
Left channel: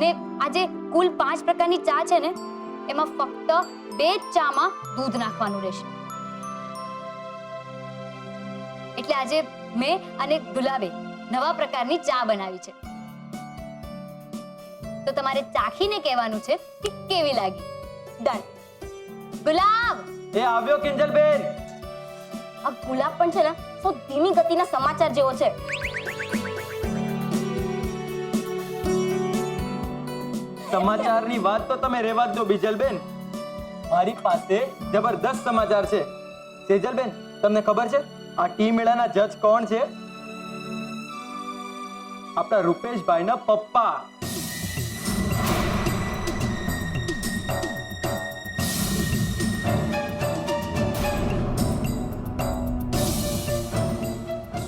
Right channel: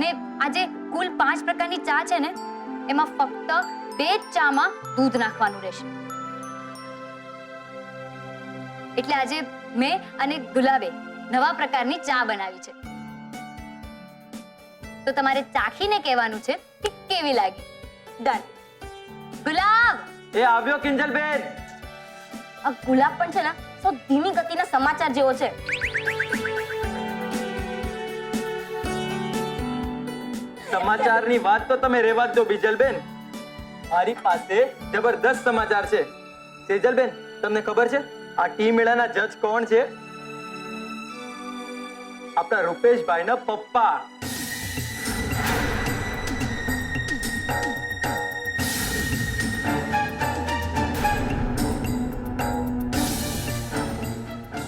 ને આજે કુલ 5 પ્રકારની ચા છે ને, એમાં ફક્ત 2 જ ચામાં દૂધ નાખવાનું રહેશે. એટલે આજે મેં અને ગુલાબે નવા પ્રકારની ચા બનાવી છે. તો તમારે ચાખીને કહેવાનું છે કે કેવી લાગી. ડન. ગુલાબ, એ આવ્યો કિંજલબેન. આ ગુલાબ પણ છે ને સૌ ધીમી ગતિના સમાચાર જેવો છે. સમાચારની વાત તો તમે રેવા જ દો બિજલબેન. મારી પાસે જબરદસ્ત સમાચાર છે. સેજલબેન, તમને ખબર છે આ ટી મેળાના જજ કોણ છે? આપણા રૂપેશભાઈના પપ્પા.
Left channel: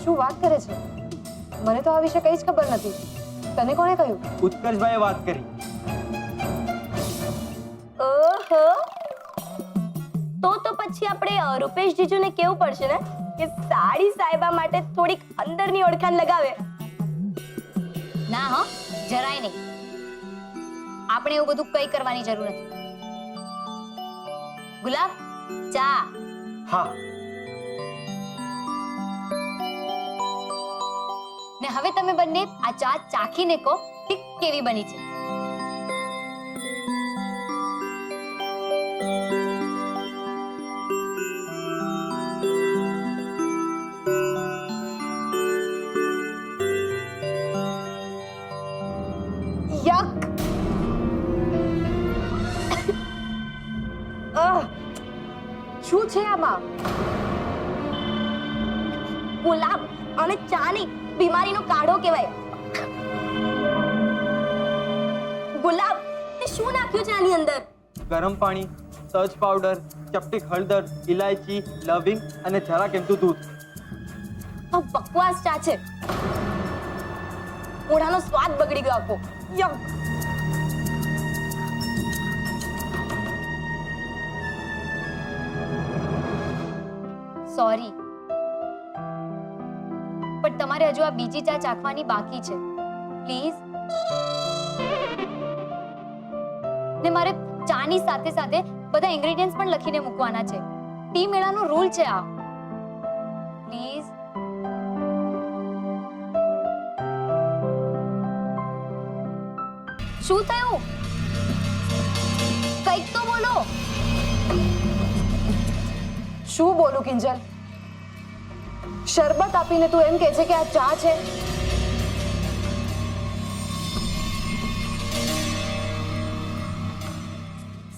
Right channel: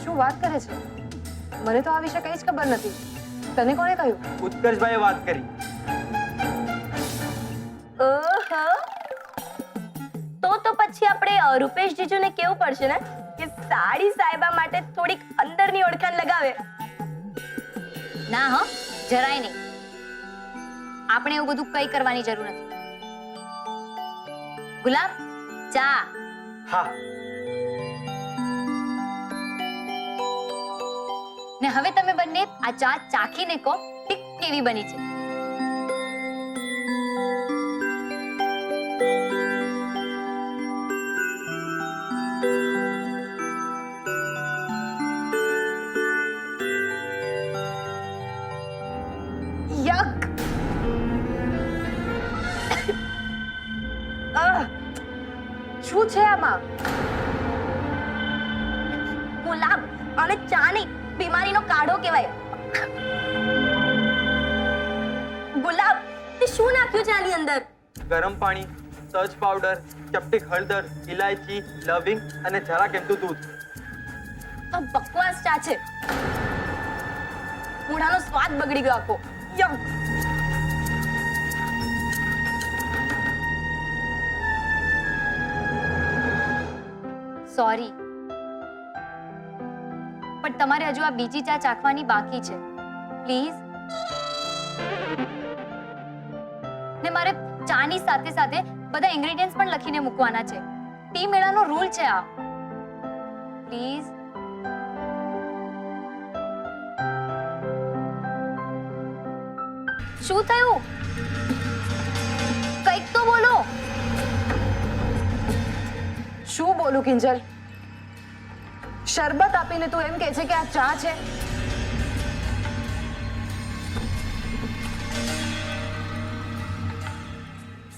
શું વાત કરે છે? મને તો આ વિશે કઈ જ ખબર નથી. તને કોણે કહ્યું? ઉત્કર્ષભાઈએ વાત કરી. ઓહો, તો પછી આપણે રૂપેશ જીજુને કેવું પડશે ને કે સાડી સાહેબા માટે થોડીક અંદરની ઓળખાણ લગાવે. ના હો, જરાય નહીં. આપણે એવું બધું કઈ કરવાની જરૂર નથી. ગુલાબ, ચા. હા, ને હવે તમે બંને આ ચા ચાખીને કહો કે કેવી બની છે. યક! શું છે આમાં? ગુલાબ અને ચા નહીં, બીમારીનો કાઢો કહેવાય. ગુલાબ, તે શું નાખ્યું છે આની અંદર? ગરમ પાણી, તજ પાવડર, ચપટીક હળદર, ઇલાયચી, લવિંગ અને જરાક એમતું દૂધ. તો બકવાસ ચા છે. મોઢાનો સ્વાદ બગડી ગયો આખો. યક! સોરી, પણ તમારે હજુ આ બીજી ચા ચાખવાની બાકી છે. પ્લીઝ. ને મારે ચાની સાથે સાથે બધા ઇન્ગ્રેડિયન્ટ્સ પણ લખીને મૂકવાના છે. ટી મેળાનો રૂલ છે આ. પ્લીઝ. શું થયું? કંઈક તો બોલો. શું બોલું કિંજલ? શરબત આપીને તું એમ કહે છે કે આ ચા છે?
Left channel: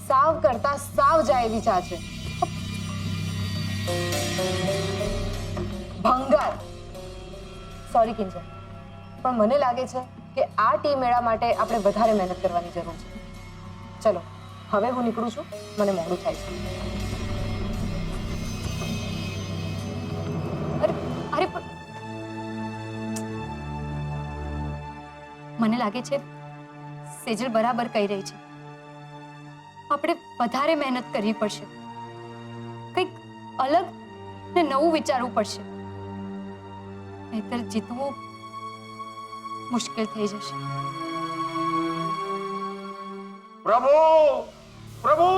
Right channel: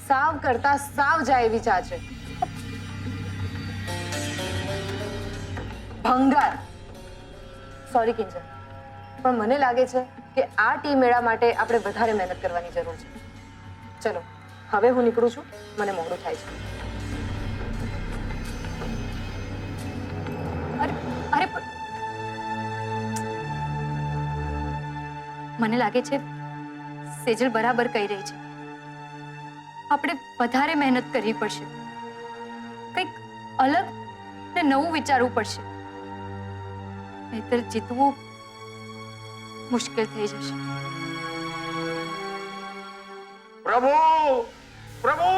સાવ કરતા સાવ જાય એવી ચા છે. ભંગાર. સોરી કિંજલ, પણ મને લાગે છે કે આ ટી મેળા માટે આપણે વધારે મહેનત કરવાની જરૂર છે. ચલો, હવે હું નીકળું છું. મને મોડું થાય છે. અરે અરે પણ મને લાગે છે સેજલ બરાબર કહી રહી છે. આપણે વધારે મહેનત કરવી પડશે. કંઈક અલગ ને નવું વિચારવું પડશે. નહીતર જીતવું મુશ્કેલ થઈ જશે. પ્રભુ, પ્રભુ,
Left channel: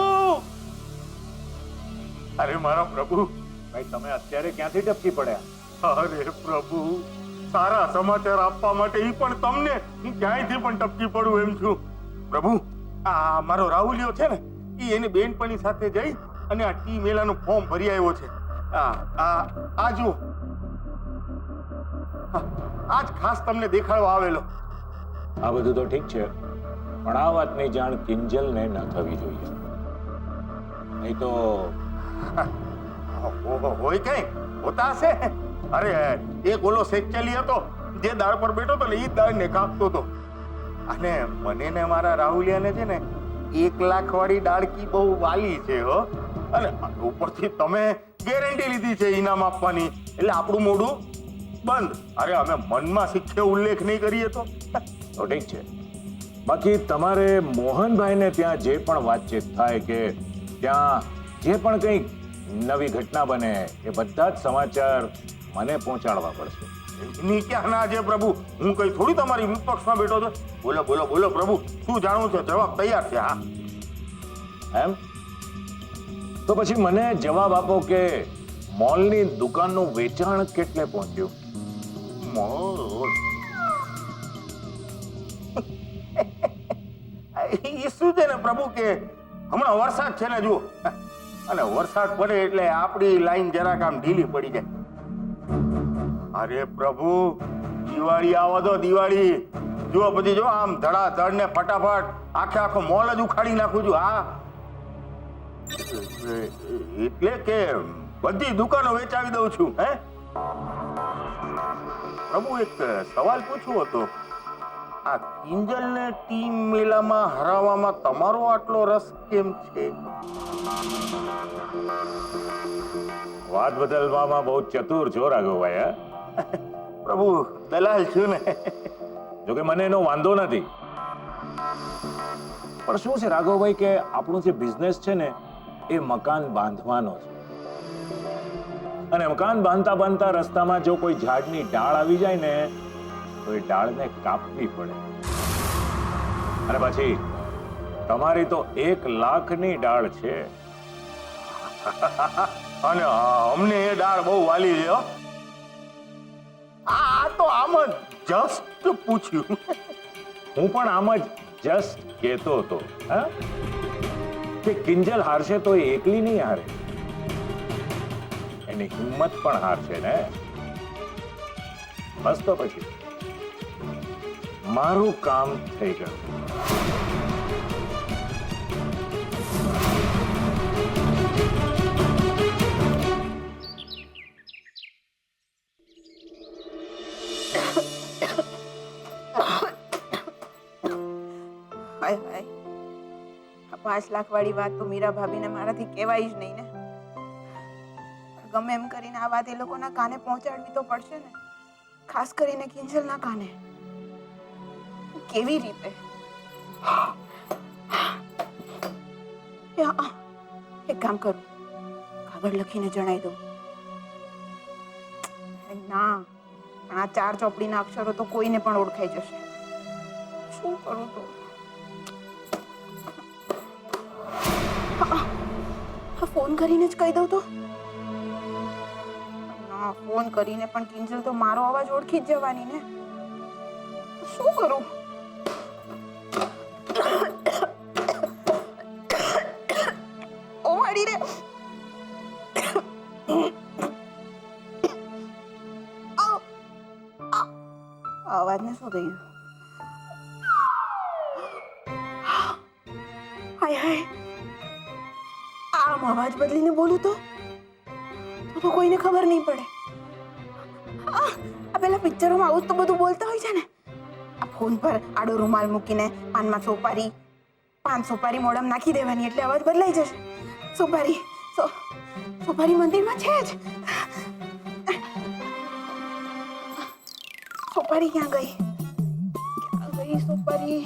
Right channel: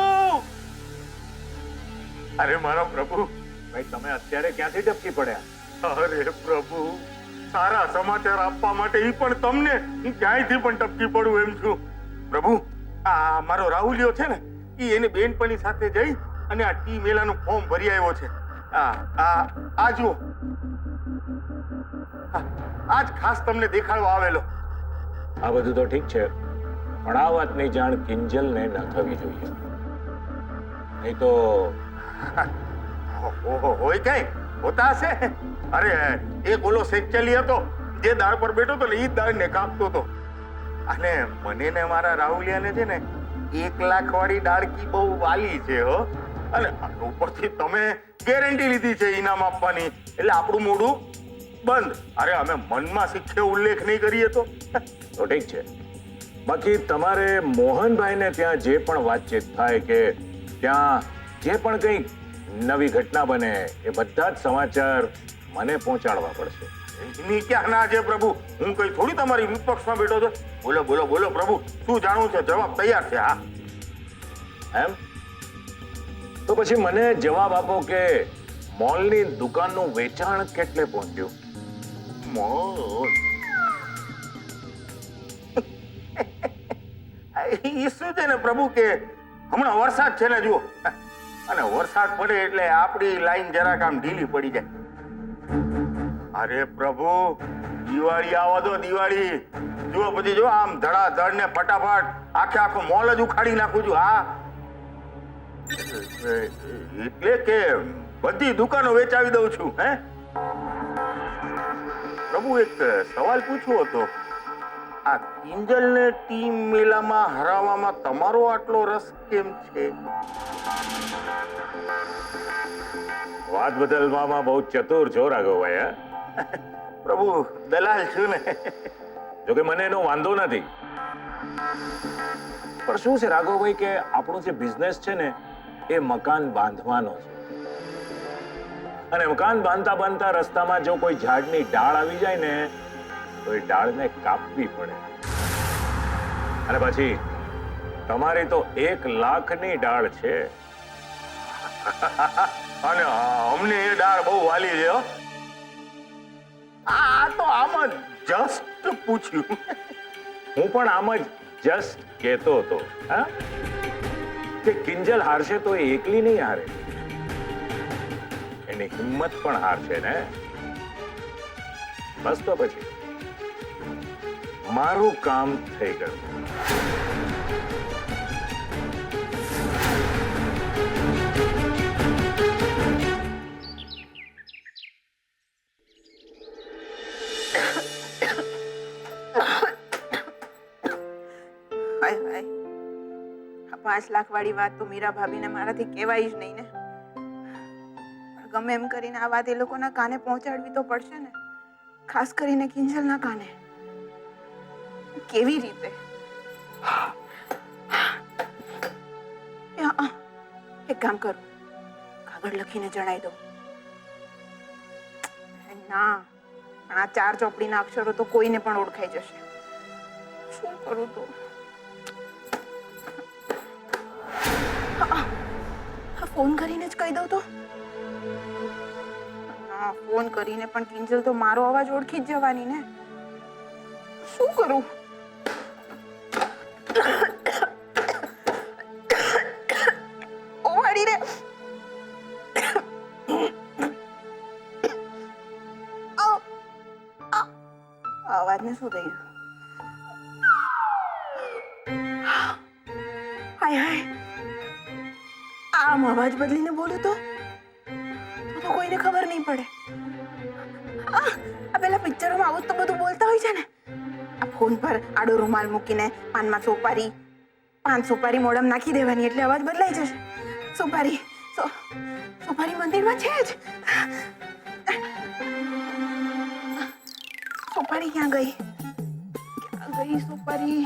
અરે મારા પ્રભુ. ભાઈ, તમે અત્યારે ક્યાંથી ટપકી પડ્યા? અરે પ્રભુ, સારા સમાચાર આપવા માટે ઈ પણ તમને હું ક્યાંયથી પણ ટપકી પડું એમ છું. પ્રભુ, આ મારો રાહુલિયો છે ને, ઈ એને બેનપણી સાથે જઈ અને આ ટી મેલાનું ફોર્મ ભરી આવ્યો છે. આ જુઓ, આજ ખાસ તમને દેખાડવા આવેલો. આ બધું તો ઠીક છે, પણ આ વાતની જાણ કિંજલને ન થવી જોઈએ. નહીં તો હોય કઈ હોતા હશે. અરે એક ઓલો સેચલી હતો જે દાળ પર બેઠો હતો ને, ઈ દાળ ને કાપતો હતો. અને મને ને મારા રાહુલિયાને છે ને 1 લાખ વાળી ડાળકી બહુ વાલી છે હો. અને ઉપરથી તમે ગેરંટી લીધી છે ઇનામ આપવાની, એટલે આપણું મોઢું બંધ. અરે અમે મનમાં શીખે ઉલ્લેખ નહીં કરીએ તો ઠીક છે. બાકી તમારે મોહનભાઈને ત્યાં જે પણ વાતચીત થાય કે ત્યાં જે પણ કંઈક નવી ઘટના બને એ બધા જ સમાચાર મને પહોંચાડવા પડશે. એની ક્યાં ના છે પ્રભુ? હું કઈ થોડી તમારી વિપક્ષમાં બેઠો છું. બોલો બોલો બોલો પ્રભુ, શું જાણવું છે? જવાબ તૈયાર છે. હા, એમ તો પછી મને જવાબ આપો કે મોલની દુકાનનું વેચાણ કેટલે પહોંચ્યું? મોલ એ શું છે ને પ્રભુ કે હમણાં વરસાદ છે ને જુઓ, અને વરસાદ પડે એટલે આપણી લાઈન જરાક આમ ઢીલી પડી જાય. અરે પ્રભુ, દિવાળી આવો તો દિવાળી જુઓ, પછી જો આમ ધડાધડ ને ફટાફટ આખો મોલ જ ઉખાડી નાખું છું. હા, એટલે કે બધી દુકાનો વેચાવી દઉં છું. હે પ્રભુ, એક સવાલ પૂછવો હતો. આ કિંજલને ટીમ મેલામાં હરાવવામાં તમારો આટલો રસ કેમ છે? વાત બદલવામાં બહુ ચતુર છો રાઘવભાઈ. હા, પ્રભુ, દલાલ છું ને. જોકે મને એનો વાંધો નથી, પણ શું છે રાઘવભાઈ કે આપણું જે બિઝનેસ છે ને એ મકાન બાંધવાનો છે, અને મકાન બાંધતા બાંધતા રસ્તામાં જો કોઈ ઝાડની ડાળ આવી જાય ને તો એ ડાળને કાપવી પડે. અને પછી તમારી તો 1 લાખની ડાળ છે. અને અમને એ ડાળ બહુ વાલી છે. હો, આ તો આમ જસ્ટ પૂછ્યું. હું પણ આમ જ જસ્ટ કહેતો હતો હા, કે કિંજલ હારશે તો એ એકલી નહીં હારે, એની હિંમત પણ હારશે ને. બસ તો પછી મારું કામ થઈ ગયું. હાય હાય, આ 5 લાખ વાળી વાત તો મીરા ભાભીને મારાથી કહેવાય જ નહીં ને. પણ ગમે એમ કરીને આ વાત એ લોકોના કાને પહોંચાડવી તો પડશે ને, ખાસ કરીને કિંજલના કાને. કેવી રીતે? એક કામ કરું, કાગળ લખીને જણાવી દઉં. ના, પણ આ 4 ચોપડીના અક્ષરો તો કોઈને પણ ઓળખાઈ જશે. શું કરું તો? ફોન કરીને જ કહી દઉં તો? ના, ફોન કરીને પણ કિંજલ તો મારો અવાજ ઓળખી જ જવાની ને. શું કરું? ઓ વાડી રે, અવાજને શું થયું? હાય હાય, આમ અવાજ બદલીને બોલું તો કોઈને ખબર નહીં પડે. આ પેલા પિક્ચરોમાં આવું તો બધું બોલતા હોય છે ને. આ ફોન પર આડો રૂમાલ મૂકીને પાનમાં સોપારી 5 સોપારી મોઢામાં નાખી દેવાની એટલે અવાજ બદલાઈ જશે. સોપારી મંદિરમાં છે જ. સોપારી ક્યાં ગઈ? સોપારી?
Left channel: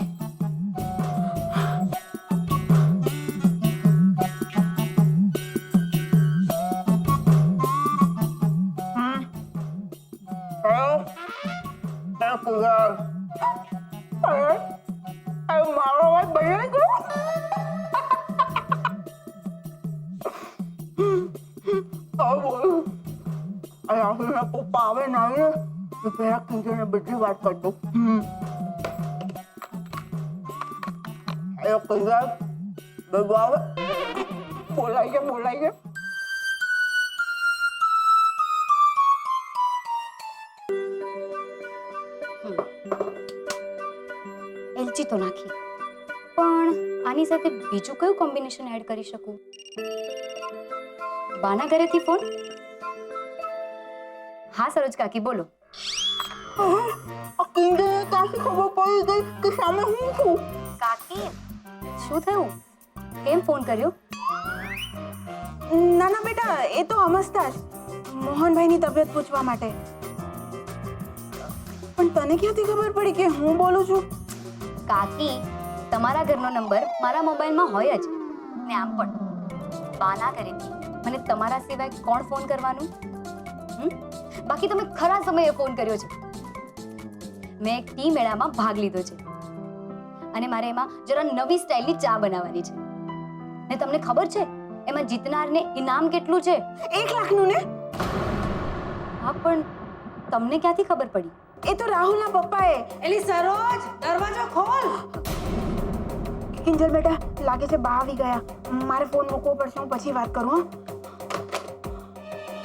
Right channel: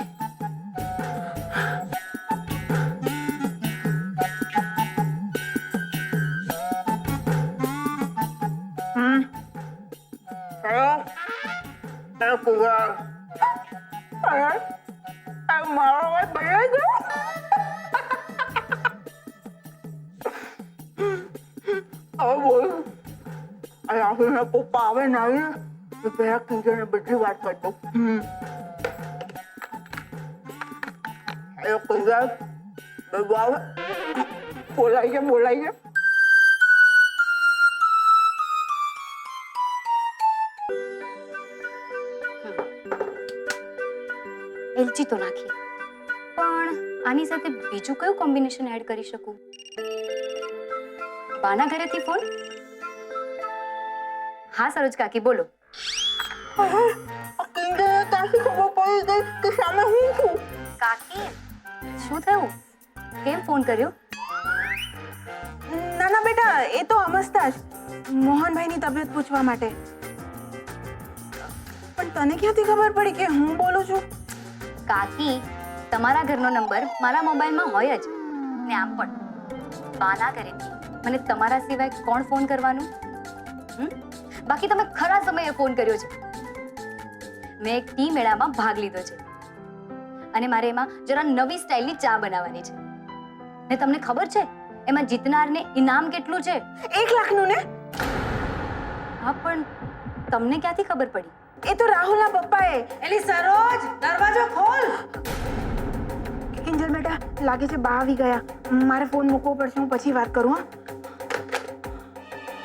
મારો અવાજ બદલાઈ ગયો. હવે બોલું. રાહુલના પપ્પા આવે ને આવીને તો પેલા કિંજલને બધી વાત કરતો. કિંજલ બધું આવે, બોલાઈ છે. એલચી તો નાખી, પણ આની સાથે બીજું કયું કોમ્બિનેશન એડ કરી શકું? બાના ઘરેથી ફોન? હા સરોજ કાકી બોલો. કિંજલને કાશી ખબર પડી ગઈ કે સામે હું છું. કાકી શું થયું? કેમ ફોન કર્યો? ના ના બેટા, એ તો અમસ્તા જ મોહનભાઈની તબિયત પૂછવા માટે. પણ તને ક્યાંથી ખબર પડી કે હું બોલું છું? કાકી, તમારા ઘરનો નંબર મારા મોબાઈલમાં હોય જ ને. આમ પણ બાના ઘરેથી મને તમારા સિવાય કોણ ફોન કરવાનું? બાકી તમે ખરા સમયે ફોન કર્યો છે. મેં એક ટી મેળામાં ભાગ લીધો છે અને મારે એમાં જરા નવી સ્ટાઇલની ચા બનાવવાની છે. ને તમને ખબર છે એમાં જીતનારને ઇનામ કેટલું છે? 1 લાખનું ને? હા, પણ તમને ક્યાંથી ખબર પડી? એ તો રાહુલના પપ્પાએ. એલી સરોજ, દરવાજો ખોલ. કિંજલ બેટા, લાગે છે બા આવી ગયા. મારે ફોન મૂકવો પડશે, હું પછી વાત કરું.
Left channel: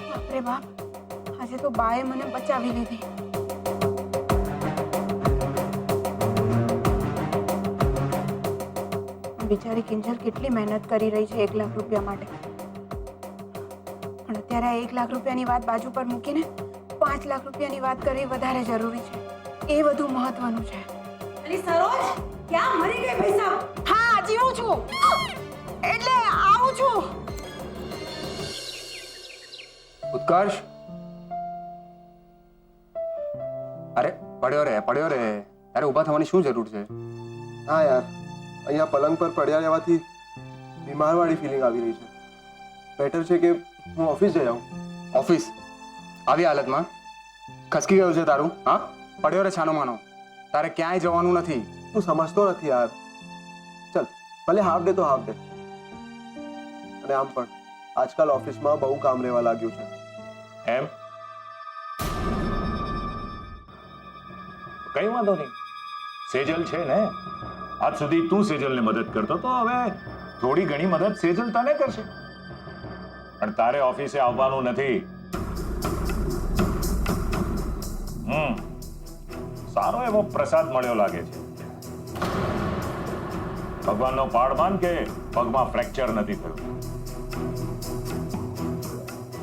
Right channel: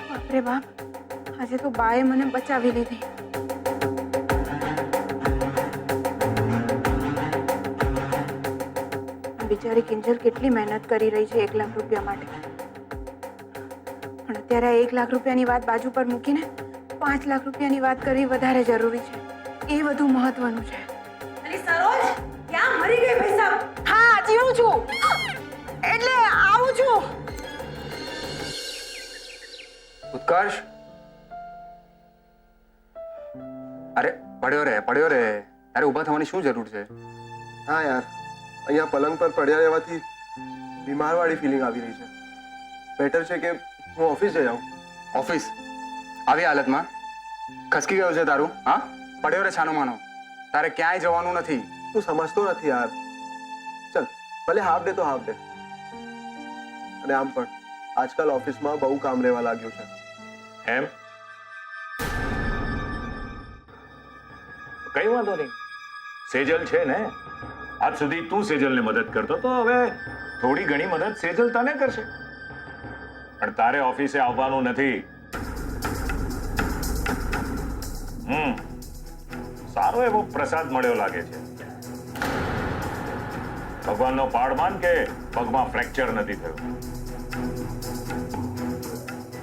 હા બાપરે બાપ, આજે તો બાએ મને બચાવી લીધી. બિચારી કિંજલ કેટલી મહેનત કરી રહી છે 1 લાખ રૂપિયા માટે, પણ અત્યારે આ 1 લાખ રૂપિયાની વાત બાજુ પર મૂકીને 5 લાખ રૂપિયાની વાત કરવી વધારે જરૂરી છે. એ વધુ મહત્વનું છે. અલી સરોજ, ક્યાં મરી ગઈ ભાઈ સાહેબ? હા, જીવું છું, એટલે આવું છું. ઉત્કર્ષ, અરે પડ્યો રે. અરે ઊભા થવાની શું જરૂર છે? હા યાર, અહીંયા પલંગ પર પડ્યા રહેવાથી બીમારવાળી ફિલિંગ આવી રહી છે. બેટર છે કે હું ઓફિસ જઈ આવું. ઓફિસ આવી હાલતમાં ખસકી ગયું છે તારું? હા, પડ્યો રે છાનો માનો. તારે ક્યાંય જવાનું નથી. તું સમજતો નથી યાર. ચલ, ભલે હાફ ડે તો હાફ ડે. અને આમ પણ આજકાલ ઓફિસમાં બહુ કામ રહેવા લાગ્યું છે. એમ કઈ વાંધો નહીં, સેજલ છે ને. આજ સુધી તું સેજલને મદદ કરતો તો હવે થોડી ઘણી મદદ સેજલ તને કરશે. પણ તારે ઓફિસે આવવાનું નથી. સારો એવો પ્રસાદ મળ્યો લાગે છે. ભગવાનનો પાડમાન કે પગમાં ફ્રેક્ચર નથી થયું.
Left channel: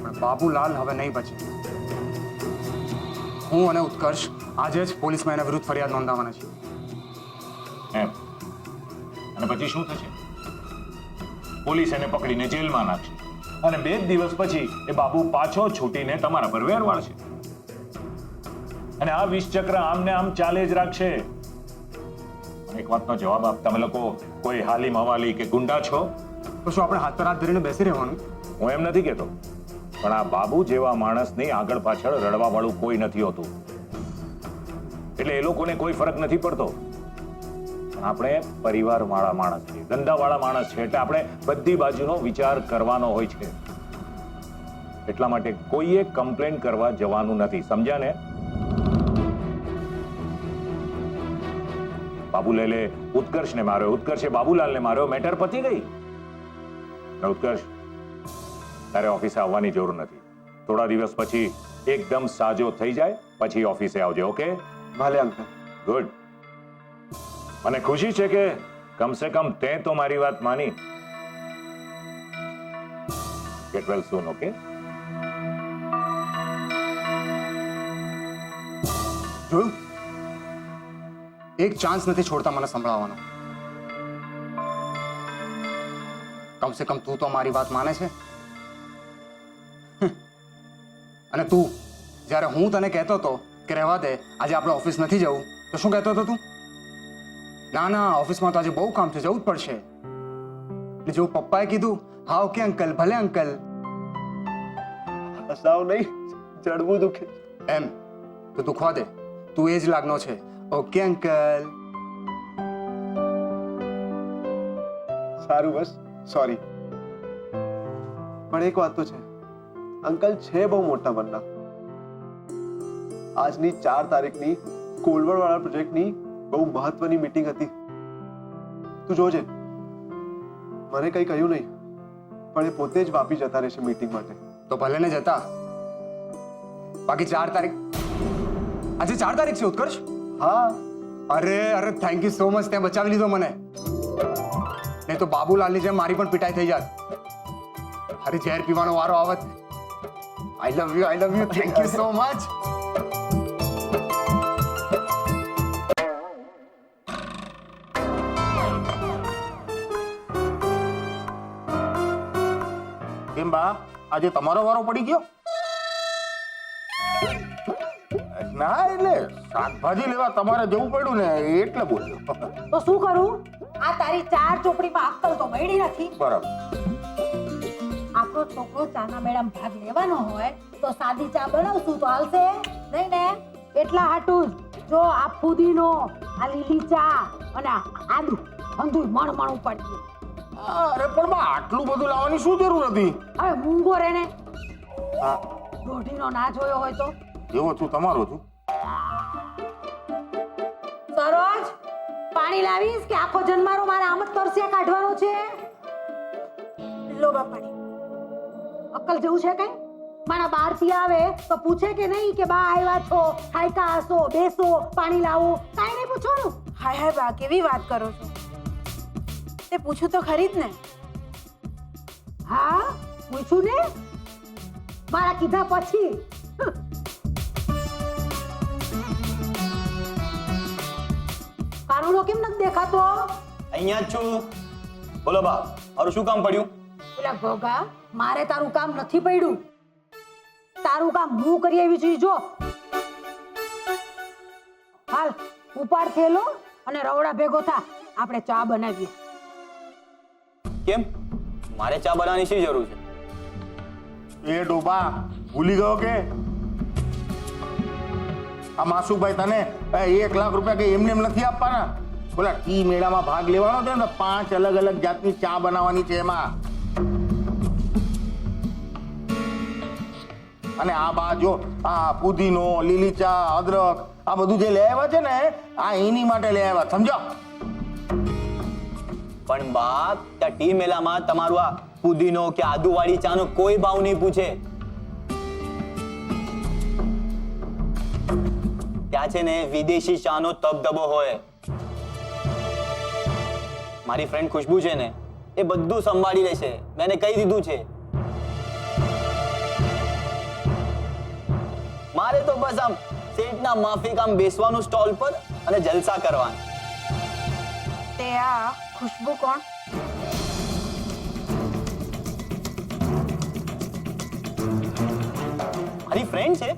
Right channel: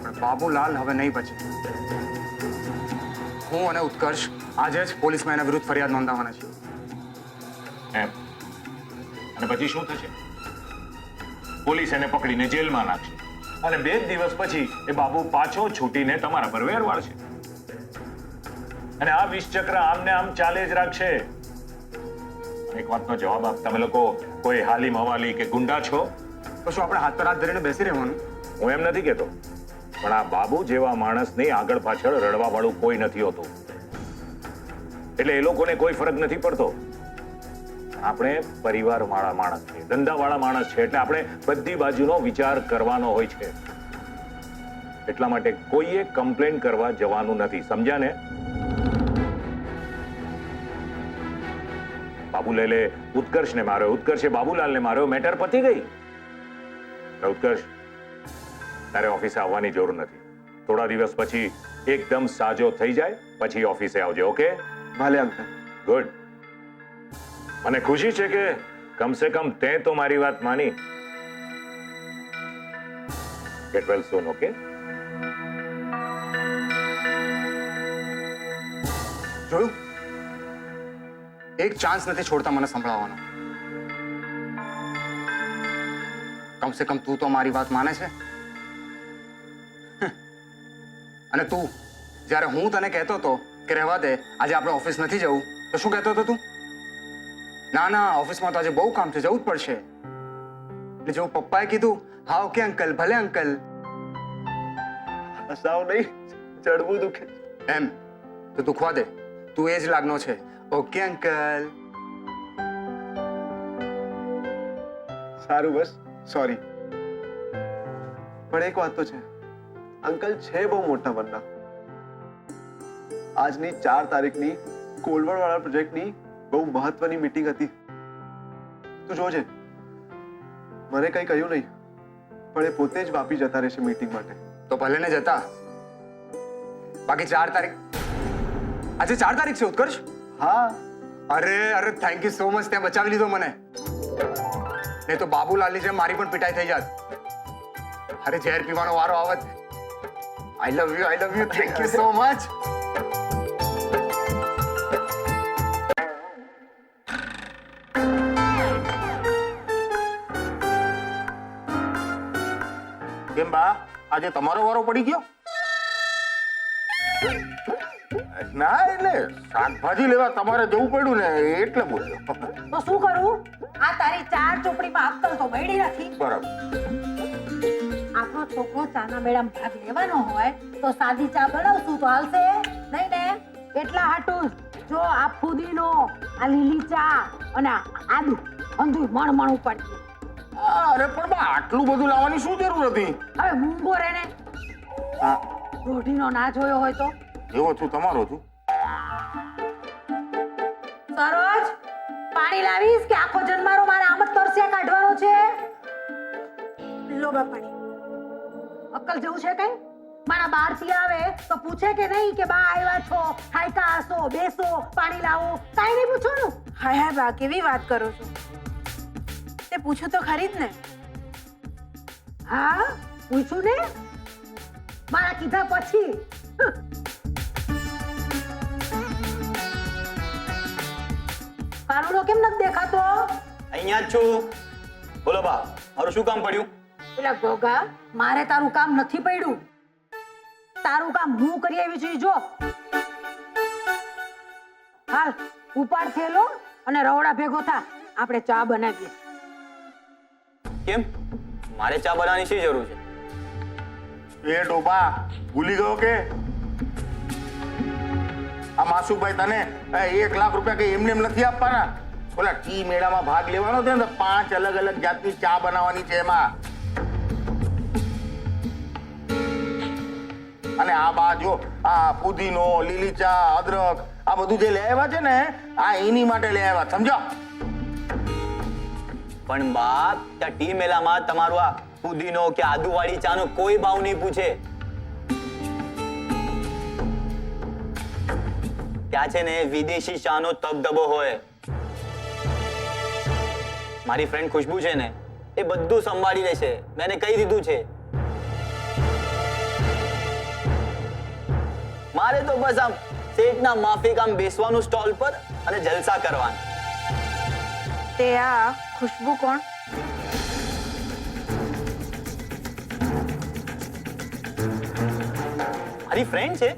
પણ બાબુલાલ હવે નહીં બચે. હું અને ઉત્કર્ષ આજે જ પોલીસમાં એના વિરુદ્ધ ફરિયાદ નોંધાવવાના છીએ. એમ? અને પછી શું થશે? પોલીસ એને પકડીને જેલમાં નાખશે અને 2 દિવસ પછી એ બાબુ પાછો છૂટીને તમારા પર વેર વાળશે. અને આ વિષચક્ર આમને આમ ચાલે જ રાખશે. એક વાતનો જવાબ આપ, તમે લોકો કોઈ હાલી મવાલી કે ગુંડા છો? તો શું આપણે હાથ પર હાથ ધરીને બેસી રહેવાનું? હું એમ નથી કહેતો, પણ આ બાબુ જેવા માણસની આગળ પાછળ રડવા વાળું કોઈ નથી હોતું. એટલે એ લોકોને કોઈ ફરક નથી પડતો. પણ આપણે પરિવાર વાળા માણસ છે, ધંધા વાળા માણસ છે, એટલે આપણે બધી બાજુનો વિચાર કરવાનો હોય છે. એટલા માટે કોઈએ કમ્પ્લેન કરવા જવાનું નથી, સમજ્યા ને? બાબુલાલે ઉત્કર્ષને માર્યો, ઉત્કર્ષે બાબુલાલને માર્યો, મેટર પતી ગઈ. ઉત્કર્ષ, તારે ઓફિસે આવવાની જરૂર નથી. થોડા દિવસ પછી એકદમ સાજો થઈ જાય પછી ઓફિસે આવજે. ઓકે? ભલે અંકલ. ગુડ. મને ખુશી છે કે કમસે કમ તે તો મારી વાત માની. ગેટ વેલ સૂન. ઓકે? જોયું? એક ચાન્સ નથી છોડતા મને સંભળાવવાનો. કમસે કમ તું તો મારી વાત માને છે. અને તું જ્યારે હું તને કહેતો હતો કે રહેવા દે, આજે આપણે ઓફિસ નથી જવું, તો શું કહેતો હતો તું? ના, ઓફિસમાં તો આજે બહુ કામ છે, જવું જ પડશે. એટલે જેવું પપ્પાએ કીધું, હા ઓકે અંકલ, ભલે અંકલ. હસાવ નહીં, જડવું દુખે. એમ તો દુખવા દે, તું એ જ લાગનો છે. Okay uncle. સારું, બસ સોરી. પણ એક વાત તો છે, અંકલ છે બહુ મોટા મનના. આજની 4 તારીખની કોલવડ વાળા પ્રોજેક્ટની બહુ મહત્વની મીટિંગ હતી. તું જોજે, મને કઈ કહ્યું નહીં, પણ એ પોતે જ વાપી જતા રહેશે મીટિંગ માટે. તો ભલે ને જતા. બાકી 4 તારીખ, આજે 4 તારીખ છે ઉત્કર્ષ? હા. અરે થેન્ક યુ સો મચ, ત્યાં બચાવી લીધો મને. નહીં તો બાબુલાલની જેમ મારી પણ પિટાઈ થઈ જાત. અરે ઝેર પીવાનો વારો આવત. I love you, thank you so much. કેમ બા, આજે તમારો વારો પડી ગયો? ના, એટલે શાકભાજી લેવા તમારે જવું પડ્યું ને એટલે બોલ્યો. તો શું કરું? આ તારી 4 ચોપડીમાં અક્કલ તો મળી નથી. બરાબર. આપણો છોકરો ચાના મેળામાં ભાગ લેવાનો હોય તો સાદી ચા બનાવશું તો હાલશે નહીં ને? એટલા હાટું જો આ ફુદીનો, આ લીલી ચા અને આદુ અંધુય મણ ઉપાડજે. અરે પણ બા, આટલું બધું લાવવાની શું જરૂર હતી? હવે મૂંગો રે ને, હા, રોઢીનો ના જોયો હોય તો. એવો છું તમારો છું. સરોજ, પાણી લાવીશ કે આખો જન્મારો મારે આમ જ તરસ્યા કાઢવાનો છે? લો બા પાણી. અક્કલ જેવું છે કઈ? મારા બહારથી આવે તો પૂછે કે નહીં કે બા આવ્યા છો, હાયકા હસો, બેસો, પાણી લાવું, કાંઈ નહીં પૂછવાનું. હાય હાય બા, કેવી વાત કરો છો? તે પૂછું તો ખરી જ ને. હા પૂછું ને, મારા કીધા પછી. કાનુડો કેમ નથી દેખાતો? અહીંયા જ છું. બોલો બા, મારું શું કામ પડ્યું? પેલા ગોગા, મારે તારું કામ નથી પડ્યું. તારું કામ હું કરી આવી છું. જો હાલ ઉપાડ થેલો અને રવડા ભેગો થા, આપણે ચા બનાવીએ. કેમ મારે ચા બનાવવાની શી જરૂર છે? એ ડોબા ભૂલી ગયો કે આ માસુભાઈ તને 1 લાખ રૂપિયા કે એમને એમ નથી આપવાના. બોલા ટી મેળામાં ભાગ લેવાનો છે ને તો 5 અલગ અલગ જાતની ચા બનાવવાની છે એમાં. અને આ બા જો આ પુદીનો, લીલી ચા, અદરક આ બધું જે લઈ આવ્યા છે ને આ એની માટે લઈ આવ્યા, સમજો? પણ બા, ત્યાં ટી મેલામાં તમારું આ પુદીનો કે આદુવાળી ચાનો કોઈ ભાવ નહીં પૂછે. ત્યાં છે ને વિદેશી ચાનો તબદબો હોય. મારી ફ્રેન્ડ ખુશ્બુ છે ને એ બધું સંભાળી લેશે, મેં એને કહી દીધું છે. મારે તો બસ આમ શેઠના માફિક આમ બેસવાનું સ્ટોલ પર અને જલસા કરવાના. તે આ ખુશ્બુ કોણ? મારી ફ્રેન્ડ છે.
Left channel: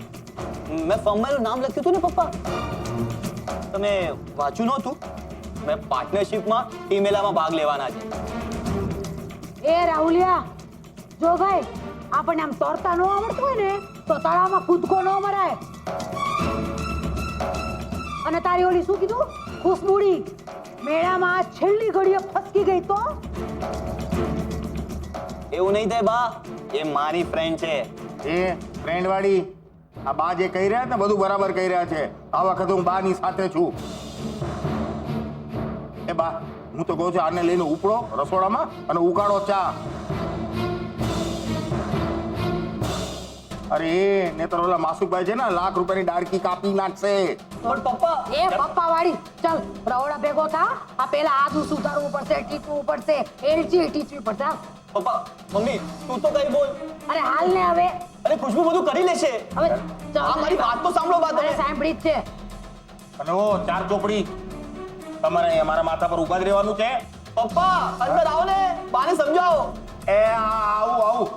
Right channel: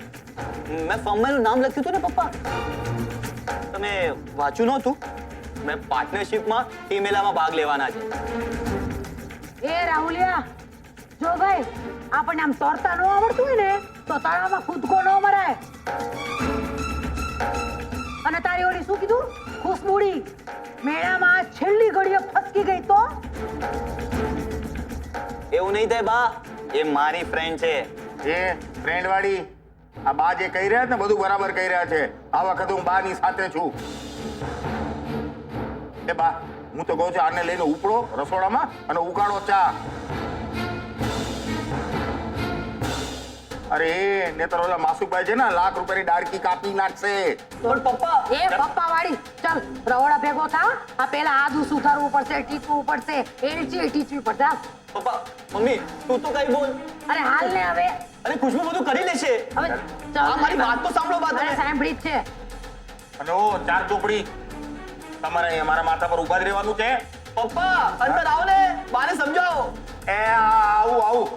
મેં ફોર્મમાં એનું નામ લખ્યું હતું ને પપ્પા, તમે વાંચ્યું નહોતું? મેં પાર્ટનરશિપમાં ટી મેલામાં ભાગ લેવાના છે. એ રાહુલિયા, જો ભાઈ આપણને આમ તરતા ન આવડતું હોય ને તો તળાવમાં કૂદકો ન મરાય. અને તારી ઓલી શું કીધું, ખુશબુડી મેળામાં છેલ્લી ઘડીએ ફસકી ગઈ તો? એવું નહીં થાય બા, એ મારી ફ્રેન્ડ છે. એ ફ્રેન્ડ વાળી આ બા જે કહી રહ્યા છે ને બધું બરાબર કહી રહ્યા છે. આ વખતે હું બાની સાથે છું. એ બા, હું તો કહું છું આને લઈને ઉપડો રસોડામાં અને ઉકાળો ચા. અરે ને તો ઓલા માસુકભાઈ છે ને ₹1 લાખ ની ડાળકી કાપી નાખશે. પણ પપ્પા, એ પપ્પા વાળી, ચાલ રવડા ભેગો થા. આ પેલા આદુ સુધારવું પડશે, ટીચવું પડશે, એલચી ટીચવી પડશે. પપ્પા, મમ્મી તું તો કઈ બોલ. અરે હાલ ને હવે. અરે ખુશ્બુ બધું કરી લેશે. હવે આ મારી વાત તો સાંભળો બા તમે. અરે સાંભળી જ છે. અને ઓ 4 ચોપડી તમારે અહીંયા મારા માથા પર ઉભા જ રહેવાનું છે. પપ્પા અંદર આવો ને, બાને સમજાવો. એ આવું આવું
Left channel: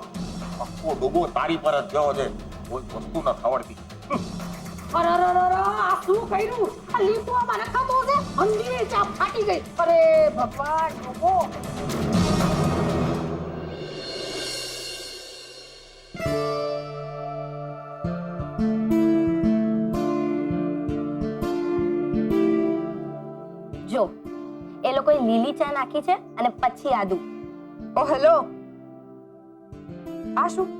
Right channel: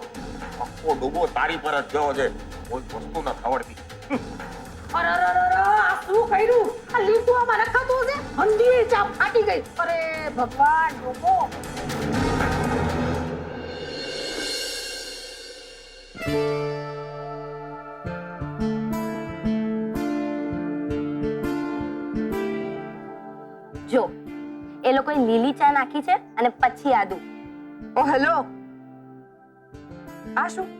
આખો ડોબો તારી પર જ ગયો છે, કોઈ વસ્તુ ન આવડતી. અરે અરે અરે, આ શું કર્યું? આ લીંબુમાં નખાતો છે, હંધી ચા ફાટી ગઈ. અરે ભગવાન, ડોબો. જો એ લોકોએ લીલી ચા નાખી છે અને પછી આદુ. ઓ હેલો, આ શું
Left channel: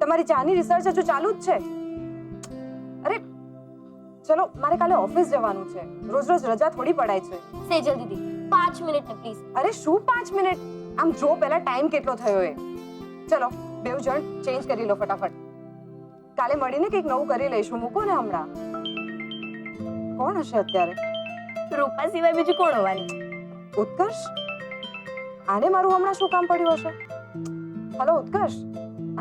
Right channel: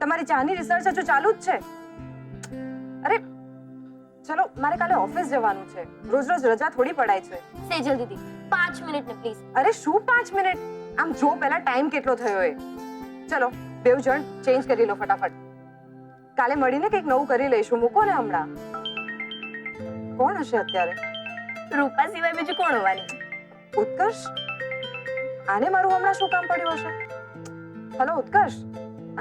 તમારી ચાની રિસર્ચ હજુ ચાલુ જ છે? અરે ચલો, મારે કાલે ઓફિસ જવાનું છે, રોજ રોજ રજા થોડી પડાય છે. સેજલ દીદી 5 મિનિટ ને પ્લીઝ. અરે શું 5 મિનિટ? આમ જો પહેલા ટાઈમ કેટલો થયો એ. ચલો બેવ જણ ચેન્જ કરી લો ફટાફટ. કાલે મળીને કંઈક નવું કરી લઈશું. મૂકો ને હમણાં. કોણ હશે અત્યારે? રૂપા સિવાય બીજું કોણ હોવાનું? ઉત્કર્ષ? આને મારું હમણાં શું કામ પડ્યું હશે? હેલો ઉત્કર્ષ,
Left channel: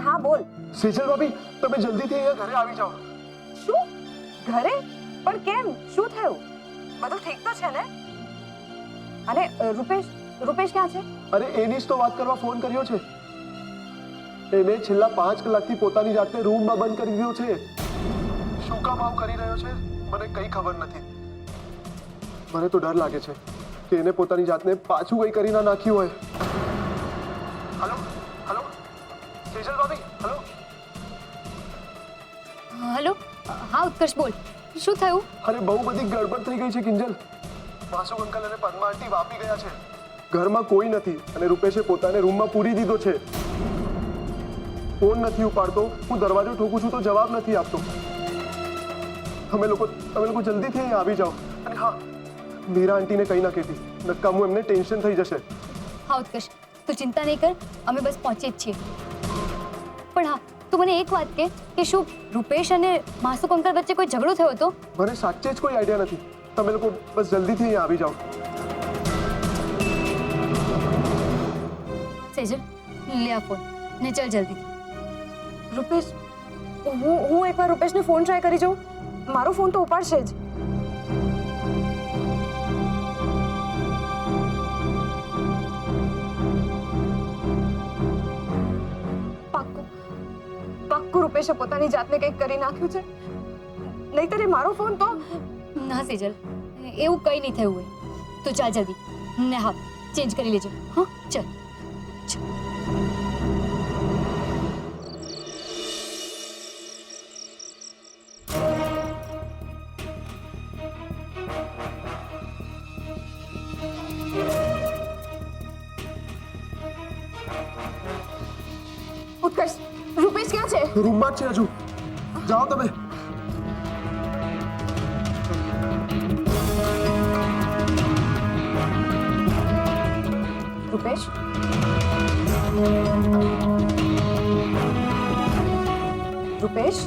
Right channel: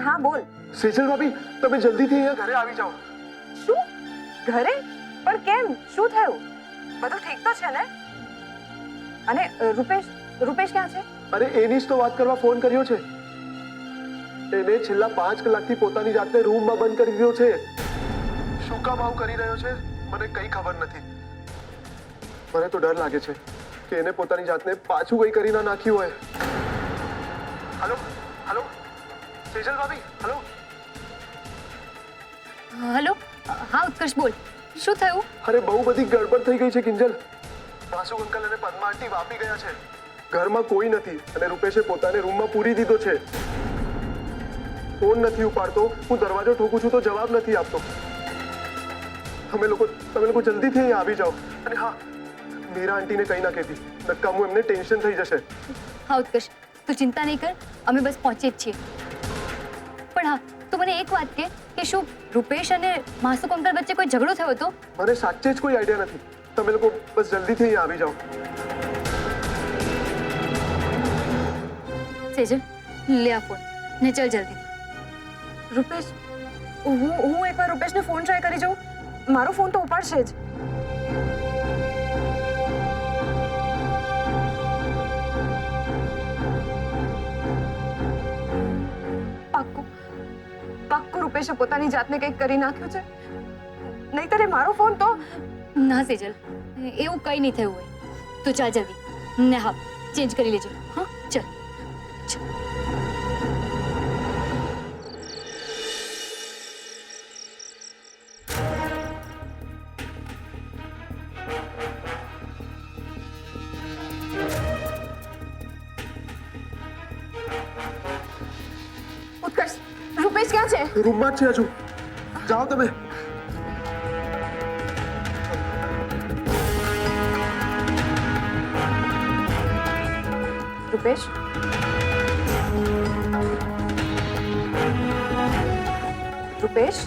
હા બોલ. સેજલ ભાભી, તમે જલ્દીથી અહીંયા ઘરે આવી જાઓ. શું? ઘરે? પણ કેમ? શું થયું? બધું ઠીક તો છે ને? અને રૂપેશ ક્યાં છે? અરે એની જ તો વાત કરવા ફોન કર્યો છે. એને છેલ્લા 5 કલાકથી પોતાની જાતને રૂમમાં બંધ કરી દીધો છે. શું કામ આવું કરી રહ્યો છે મને કઈ ખબર નથી. મને તો ડર લાગે છે કે એને પોતાની જાતને પાછું કઈ કરી ના નાખ્યું હોય. હલો હલો સેજલ ભાભી, હલો. હલો, હા ઉત્કર્ષ બોલ, શું થયું? અરે બહુ બધી ગડબડ થઈ ગઈ છે કિંજલ. માસુ અંકલ અને પદ્મા આંટી વાપી ગયા છે. ઘરમાં કોઈ નથી અને રૂપેશે પોતાને રૂમમાં પૂરી દીધો છે. ફોન નથી ઉપાડતો, હું દરવાજો ઠોકું છું તો જવાબ નથી આપતો. તમે લોકો જલ્દીથી અહીંયા આવી જાઓ. અને હા, મીરા આંટીને કંઈ ના કહેતી, નક્કામું એમને ટેન્શન થઈ જશે. હા ઉત્કર્ષ, તું ચિંતા નહીં કર, અમે બસ પહોંચીએ જ છીએ. પણ હા, તું મને એક વાત કે શું રૂપેશ અને માસુક અંકલ વચ્ચે કોઈ ઝઘડો થયો હતો? મને સાચે જ કોઈ આઈડિયા નથી. તમે લોકો બસ જલ્દીથી અહીંયા આવી જાઓ. સેજલ, લે આ ફોન ને ચલ જલ્દીથી. રૂપેશ, હું એકવાર રૂપેશને ફોન ટ્રાય કરી જોઉં. મારો ફોન તો ઉપાડશે જ. પાક્કું રૂપેશે પોતાની જાતને કંઈક કરી નાખ્યું છે. નહીંતર એ મારો ફોન તો. ના સેજલ, એવું કંઈ નહીં થયું હોય. તું ચાલ જલ્દી ને હા, ચેન્જ કરી લેજો. હા ચલ. ઉત્કર્ષ, રૂપેશ ક્યાં છે? રૂમમાં જ છે હજુ. જાઓ તમે. Rupesh, Rupesh,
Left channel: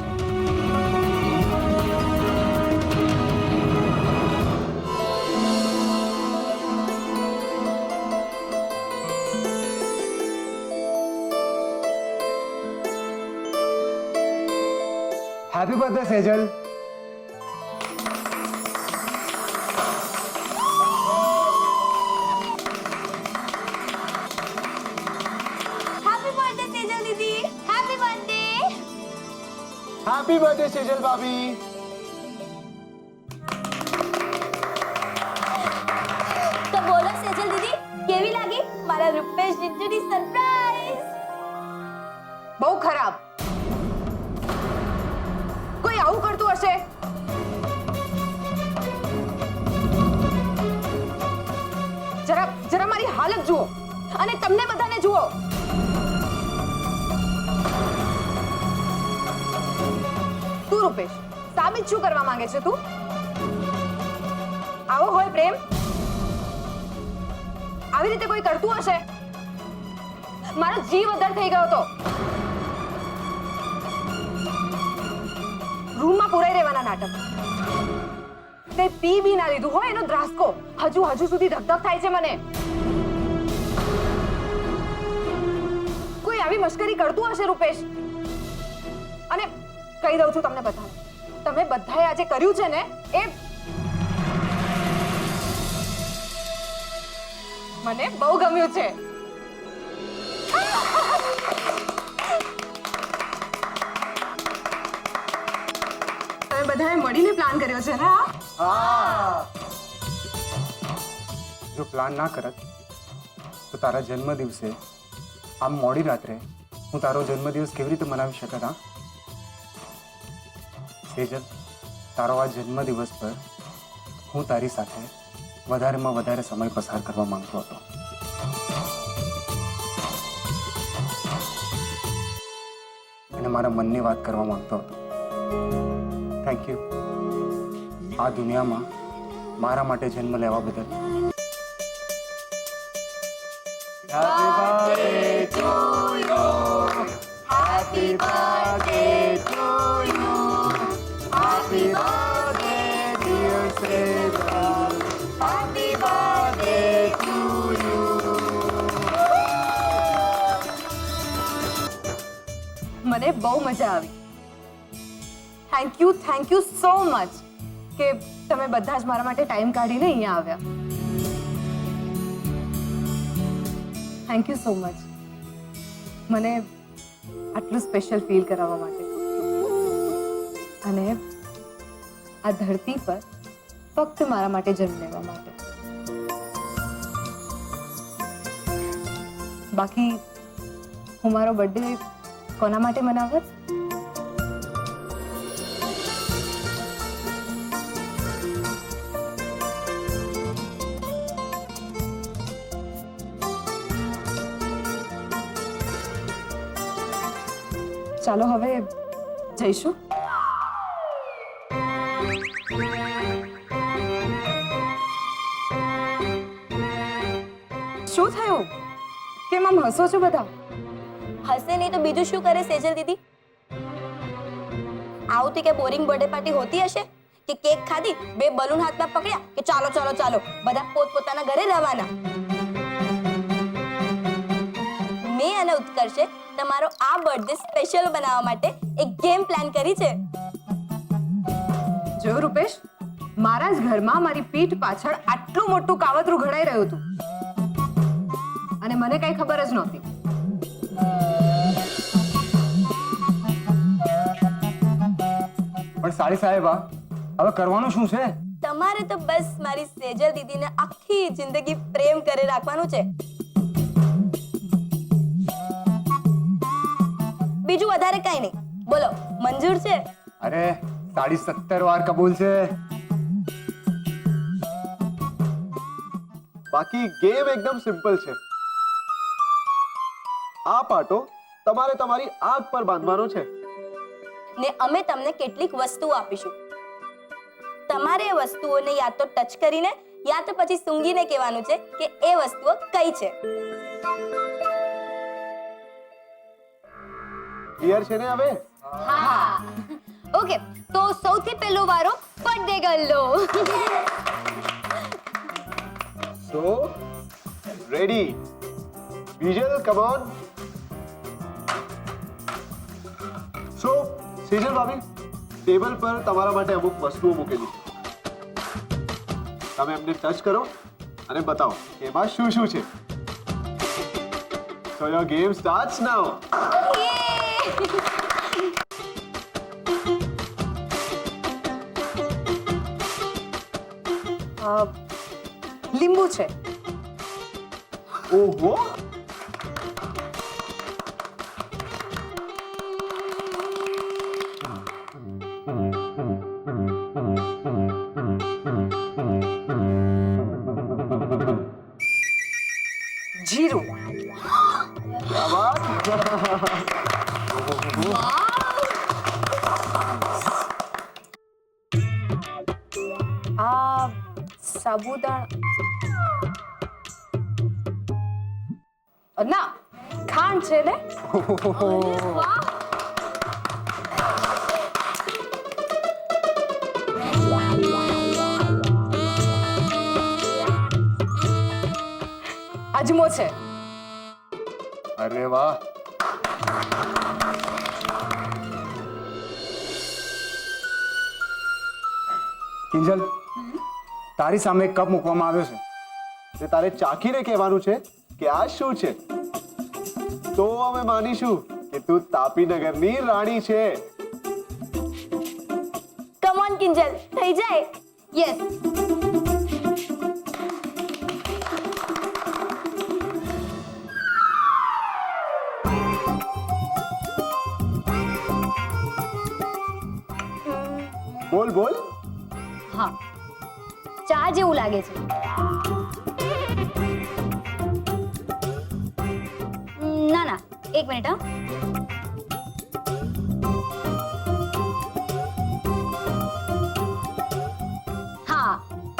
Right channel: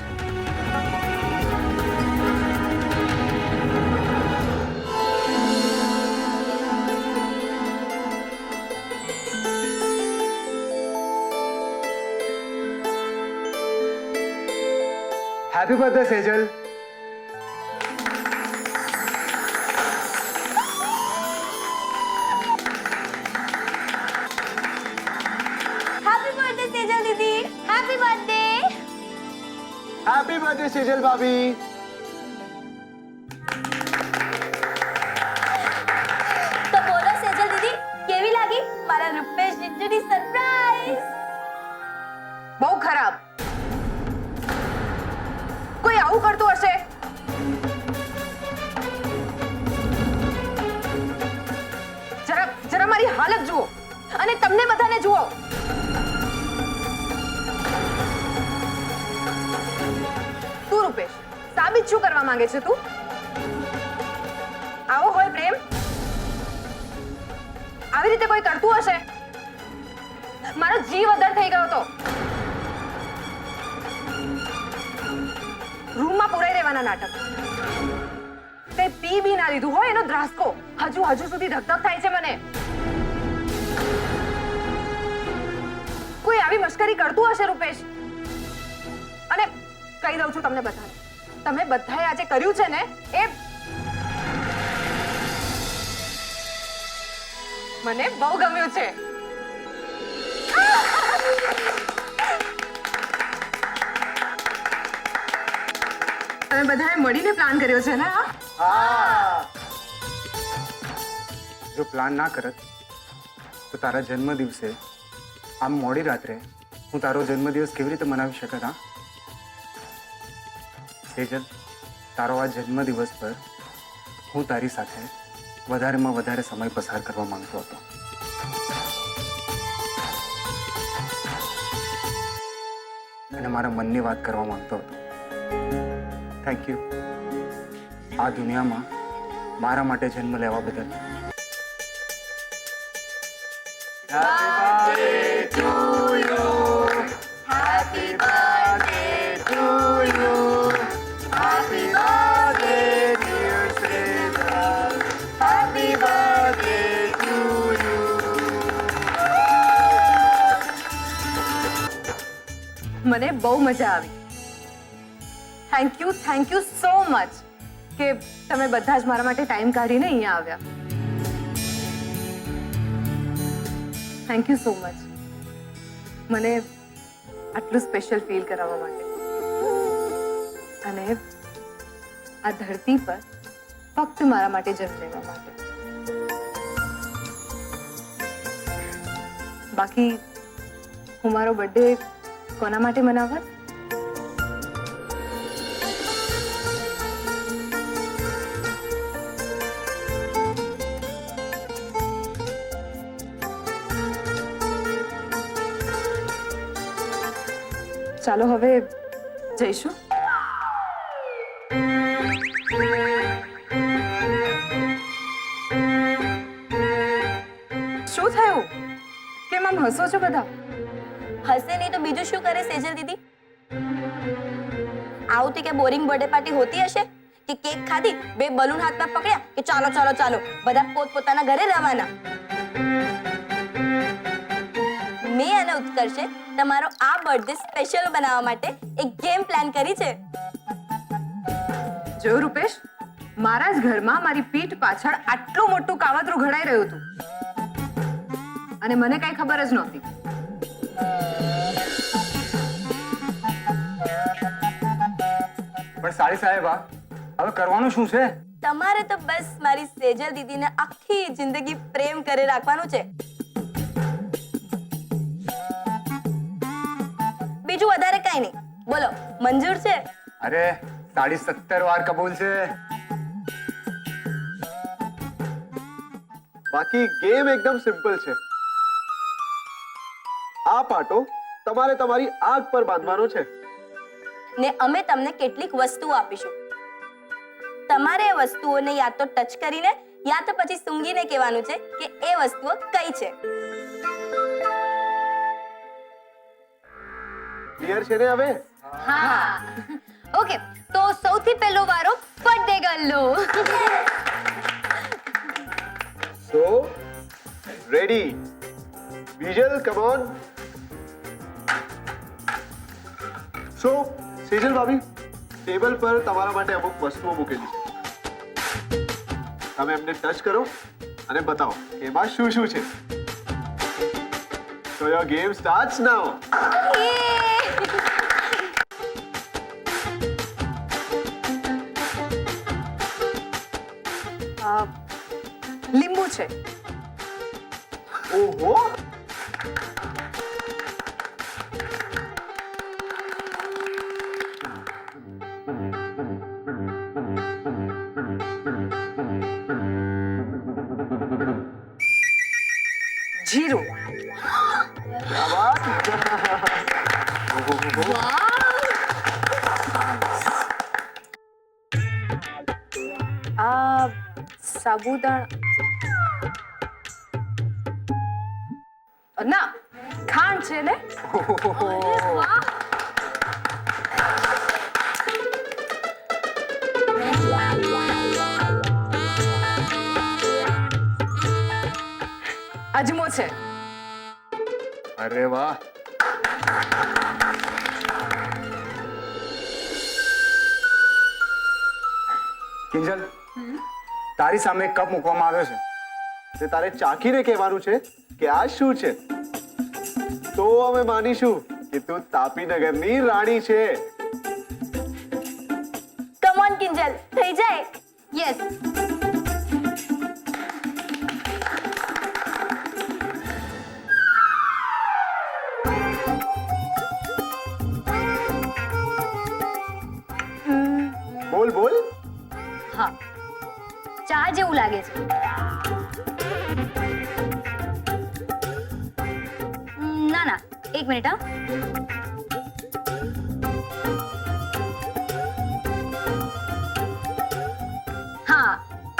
happy birthday Sejal. Happy birthday Sejal દીદી. Happy birthday. Happy birthday Sejal ભાભી. તો બોલો સેજલ દીદી, કેવી લાગી મારા રૂપેશ જીજુની સરપ્રાઈઝ? બહુ ખરાબ. કોઈ આવું કરતું હશે? જરા મારી હાલત જુઓ અને તમને બધાને જુઓ. તું રૂપેશ, સાબિત શું કરવા માંગે છે તું? આવો હોય પ્રેમ? આવી રીતે કોઈ કરતું હશે? મારો જીવ અદ્દર થઈ ગયો હતો. રૂમમાં પુરાઈ રહેવાના નાટક. કઈ પી બી ના લીધું હોય એનો ધ્રાસકો હજુ સુધી ધકધક થાય છે મને. કોઈ આવી મશ્કરી કરતું હશે રૂપેશ? અને કહી દઉં છું તમને બધાને, તમે બધાએ આજે કર્યું છે ને એ મને બહુ ગમ્યું છે. તમે બધાએ મળીને પ્લાન કર્યો છે ને? જો પ્લાન ના કરત તો તારા જન્મ દિવસે આમ મોડી રાત્રે હું તારો જન્મદિવસ કેવી રીતે મનાવી શકત? હા સેજલ, તારો આ જન્મદિવસ પર હું તારી સાથે વધારેમાં વધારે સમય પસાર કરવા માંગતો હતો. અને મારા મનની વાત કરવા માંગતો હતો. થેન્ક યુ આ દુનિયામાં મારા માટે જન્મ લેવા બદલ. મને બહુ મજા આવી. થેન્ક યુ સો મચ કે તમે બધા જ મારા માટે ટાઈમ કાઢીને અહીંયા આવ્યા. થેન્ક યુ સો મચ મને આટલું સ્પેશિયલ ફીલ કરાવવા માટે. અને આ ધરતી પર ફક્ત મારા માટે જન્મ લેવા માટે. બાકી હું મારો બર્થડે કોના માટે મનાવત? ચાલો હવે જઈશું. શું થયું? કેમ આમ હસો છો બધા? હસે નહીં તો બીજું શું કરે સેજલ દીદી? આવતી કે બોરિંગ બર્થડે પાર્ટી હોતી હશે કે કેક ખાધી, 2 બલૂન હાથમાં પકડ્યા કે ચાલો ચાલો ચાલો બધા પોતપોતાના ઘરે રવાના. મેં અને ઉત્કર્ષે તમારો આ બર્થડે સ્પેશિયલ બનાવવા માટે એક ગેમ પ્લાન કરી છે. જોયું રૂપેશ, મારા જ ઘરમાં મારી પીઠ પાછળ આટલું મોટું કાવતરું ઘડાઈ રહ્યું હતું અને મને કઈ ખબર જ નહોતી. પણ સાડી સાહેબા, હવે કરવાનું શું છે? તમારે તો બસ મારી સેજલ દીદીને આખી જિંદગી પ્રેમ કરે રાખવાનું છે. બીજું વધારે કઈ નહીં. બોલો, મંજૂર છે? અરે સાડી 70 વાર કબૂલ છે. બાકી ગેમ એકદમ સિમ્પલ છે. આ પાટો તમારે તમારી આંખ પર બાંધવાનો છે ને અમે તમને કેટલીક વસ્તુઓ આપીશું. તમારે એ વસ્તુઓને યા તો ટચ કરીને યા તો પછી સૂંઘીને કહેવાનું છે કે એ વસ્તુઓ કઈ છે. ક્લિયર છે ને હવે? હા ઓકે, તો સૌથી પહેલો વારો બર્થડે ગર્લનો. So ready Vijal, come on. So Sejal ભાભી, ટેબલ પર તમારા માટે અમુક વસ્તુઓ મૂકેલી છે. તમે એમને ટચ કરો અને બતાવો કે એમાં શું શું છે. So your game starts now. લીંબુ છે. ઓહો, જીરું. क्या बात. આ સાબુદાણા ના, ખાંડ છે ને. અજમો છે. અરે વાહ. કિંજલ, તારી સામે એક કપ મૂકવામાં આવ્યો છે. તે તારે ચાખીને કહેવાનું છે કે આ શું છે. તો અમે માનીશું કે તું તાપીનગરની રાણી છે. કમ ઓન કિંજલ, થઈ જાય. યસ. બોલ બોલ. હા, ચા જેવું લાગે છે. ના ના, એક મિનિટ. હા,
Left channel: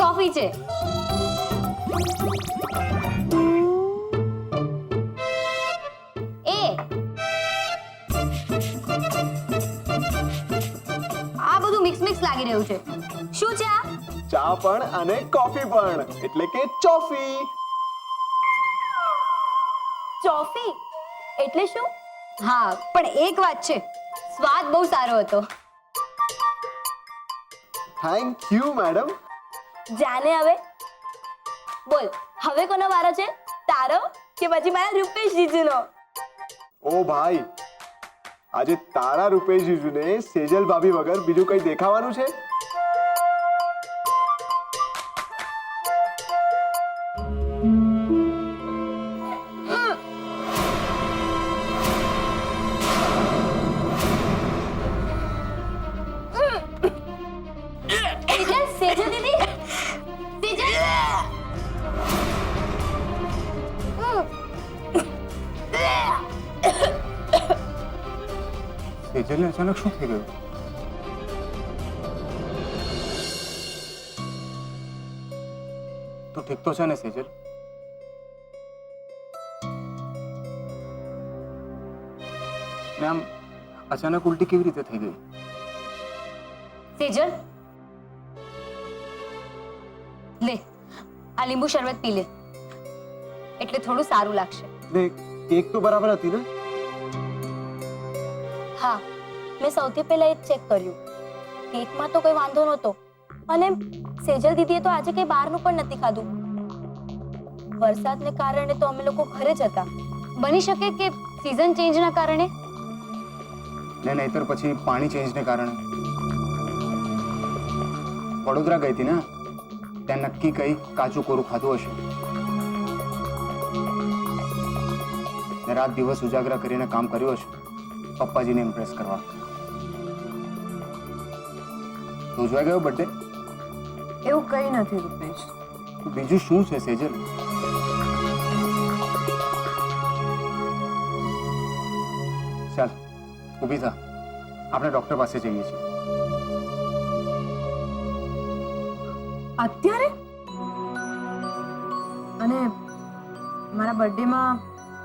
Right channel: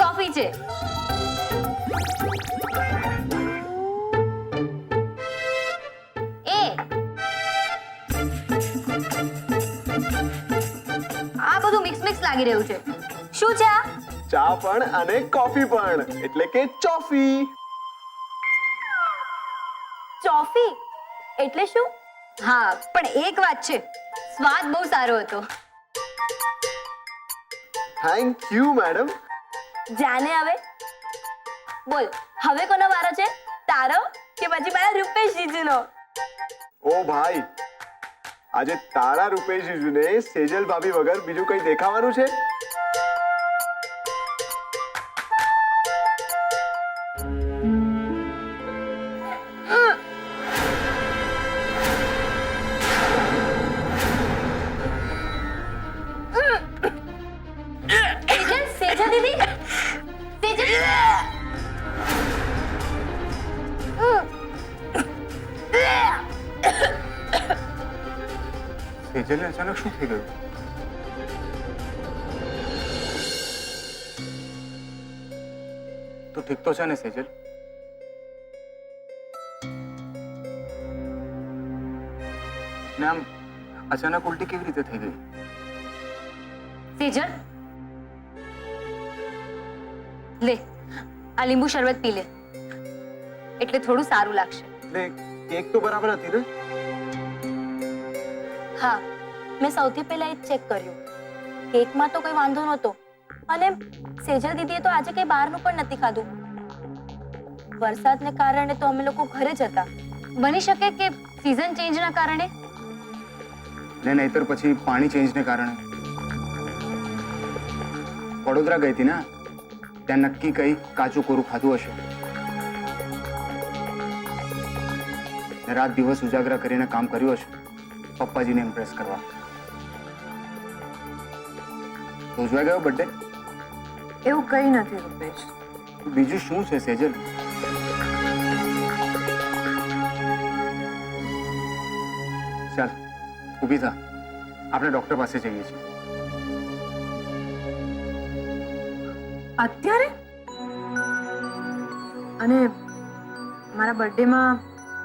કોફી છે. એ આ બધું મિક્સ લાગી રહ્યું છે. શું છે આ? ચા પણ અને કોફી પણ, એટલે કે ચોફી. ચોફી એટલે શું? હા, પણ એક વાત છે, સ્વાદ બહુ સારો હતો. Thank you madam. જાને હવે બોલ, હવે કોનો વારો છે? તારો કે પછી મારા રૂપેશ જીજુનો? ઓ ભાઈ, આજે તારા રૂપેશ જીજુને સેજલ ભાભી વગર બીજું કઈ દેખાવાનું છે? સેજલ દીદી, સેજલ. સેજલને અચાનક શું થઈ ગયું? તું ઠીક તો છે ને સેજલ? ને આમ અચાનક ઉલટી કેવી રીતે થઈ ગઈ? સેજલ, લે આ લીંબુ શરબત પી લે, એટલે થોડું સારું લાગશે. ને કેક તો બરાબર હતી ને? હા, મેં સૌથી પહેલા એ જ ચેક કર્યું. કેકમાં તો કોઈ વાંધો નહોતો અને સેજલ દીદીએ તો આજે કંઈ બહારનું પણ નથી ખાધું. વરસાદને કારણે તો અમે લોકો ઘરે જ હતા. બની શકે કે સીઝન ચેન્જના કારણે. ને નહીતર પછી પાણી ચેન્જને કારણે. વડોદરા ગઈ હતી ને, ત્યાં નક્કી કંઈ કાચું કોરું ખાધું હશે. ને રાત દિવસ ઉજાગરા કરીને કામ કર્યું હશે પપ્પાજીને ઇમ્પ્રેસ કરવા. તો ઉજવાઈ ગયો બર્થડે? એવું કંઈ નથી રૂપેશ. બીજું શું છે સેજલ? ચાલ ઊભી થા, આપણે ડોક્ટર પાસે જઈએ છીએ. અત્યારે? અને મારા બર્થડેમાં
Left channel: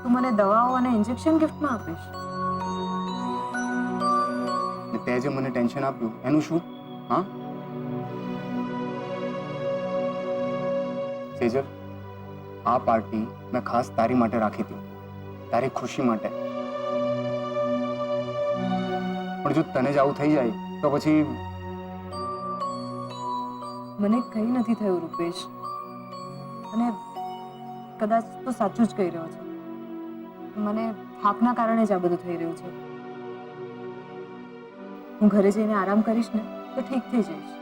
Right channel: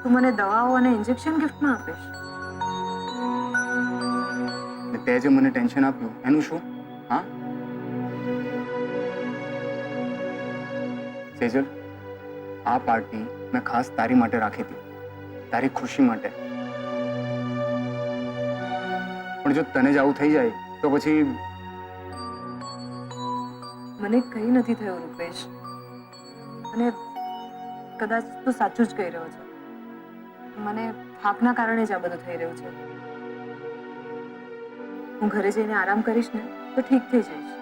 તું મને દવાઓ અને ઇન્જેક્શન ગિફ્ટમાં આપીશ? ને તે જે મને ટેન્શન આપ્યું એનું શું? હા સેજલ, આ પાર્ટી મેં ખાસ તારી માટે રાખી હતી, તારી ખુશી માટે. પણ જો તને જ આવું થઈ જાય તો પછી મને કંઈ નથી થયું રૂપેશ, અને કદાચ તું સાચું જ કહી રહ્યો છે. મને થાકના કારણે જ આ બધું થઈ રહ્યું છે. હું ઘરે જઈને આરામ કરીશ ને તો ઠીક થઈ જઈશ.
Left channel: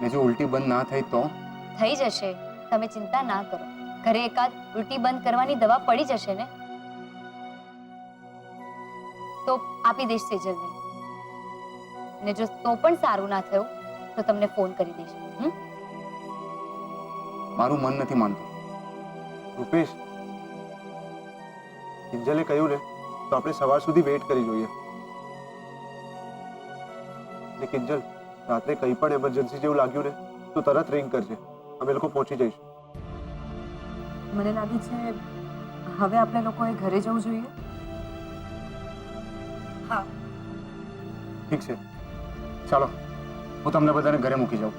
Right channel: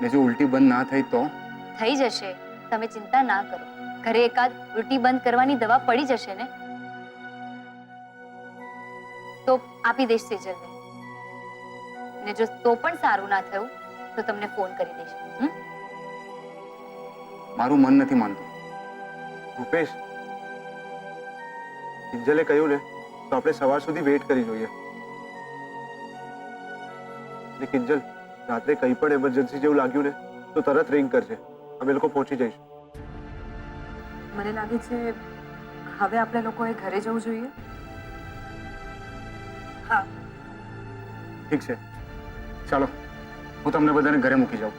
ને જો ઉલટી બંધ ના થઈ તો? થઈ જશે, તમે ચિંતા ના કરો. ઘરે એકાદ ઉલટી બંધ કરવાની દવા પડી જશે ને, તો આપી દઈશ સેજલને. ને જો તો પણ સારું ના થયું તો તમને ફોન કરી દઈશ. મારું મન નથી માનતું. રૂપેશ, કિંજલે કહ્યું ને તો આપણે સવાર સુધી વેઇટ કરી જોઈએ. ને કિંજલ, રાત્રે કંઈ પણ એમરજન્સી જેવું લાગ્યું ને તો તરત રિંગ કરજે, અમે લોકો પહોંચી જઈશું. મને લાગે છે હવે આપણે લોકોએ ઘરે જવું જોઈએ. ઠીક છે, ચાલો હું તમને બધાને ઘરે મૂકી જાઉં.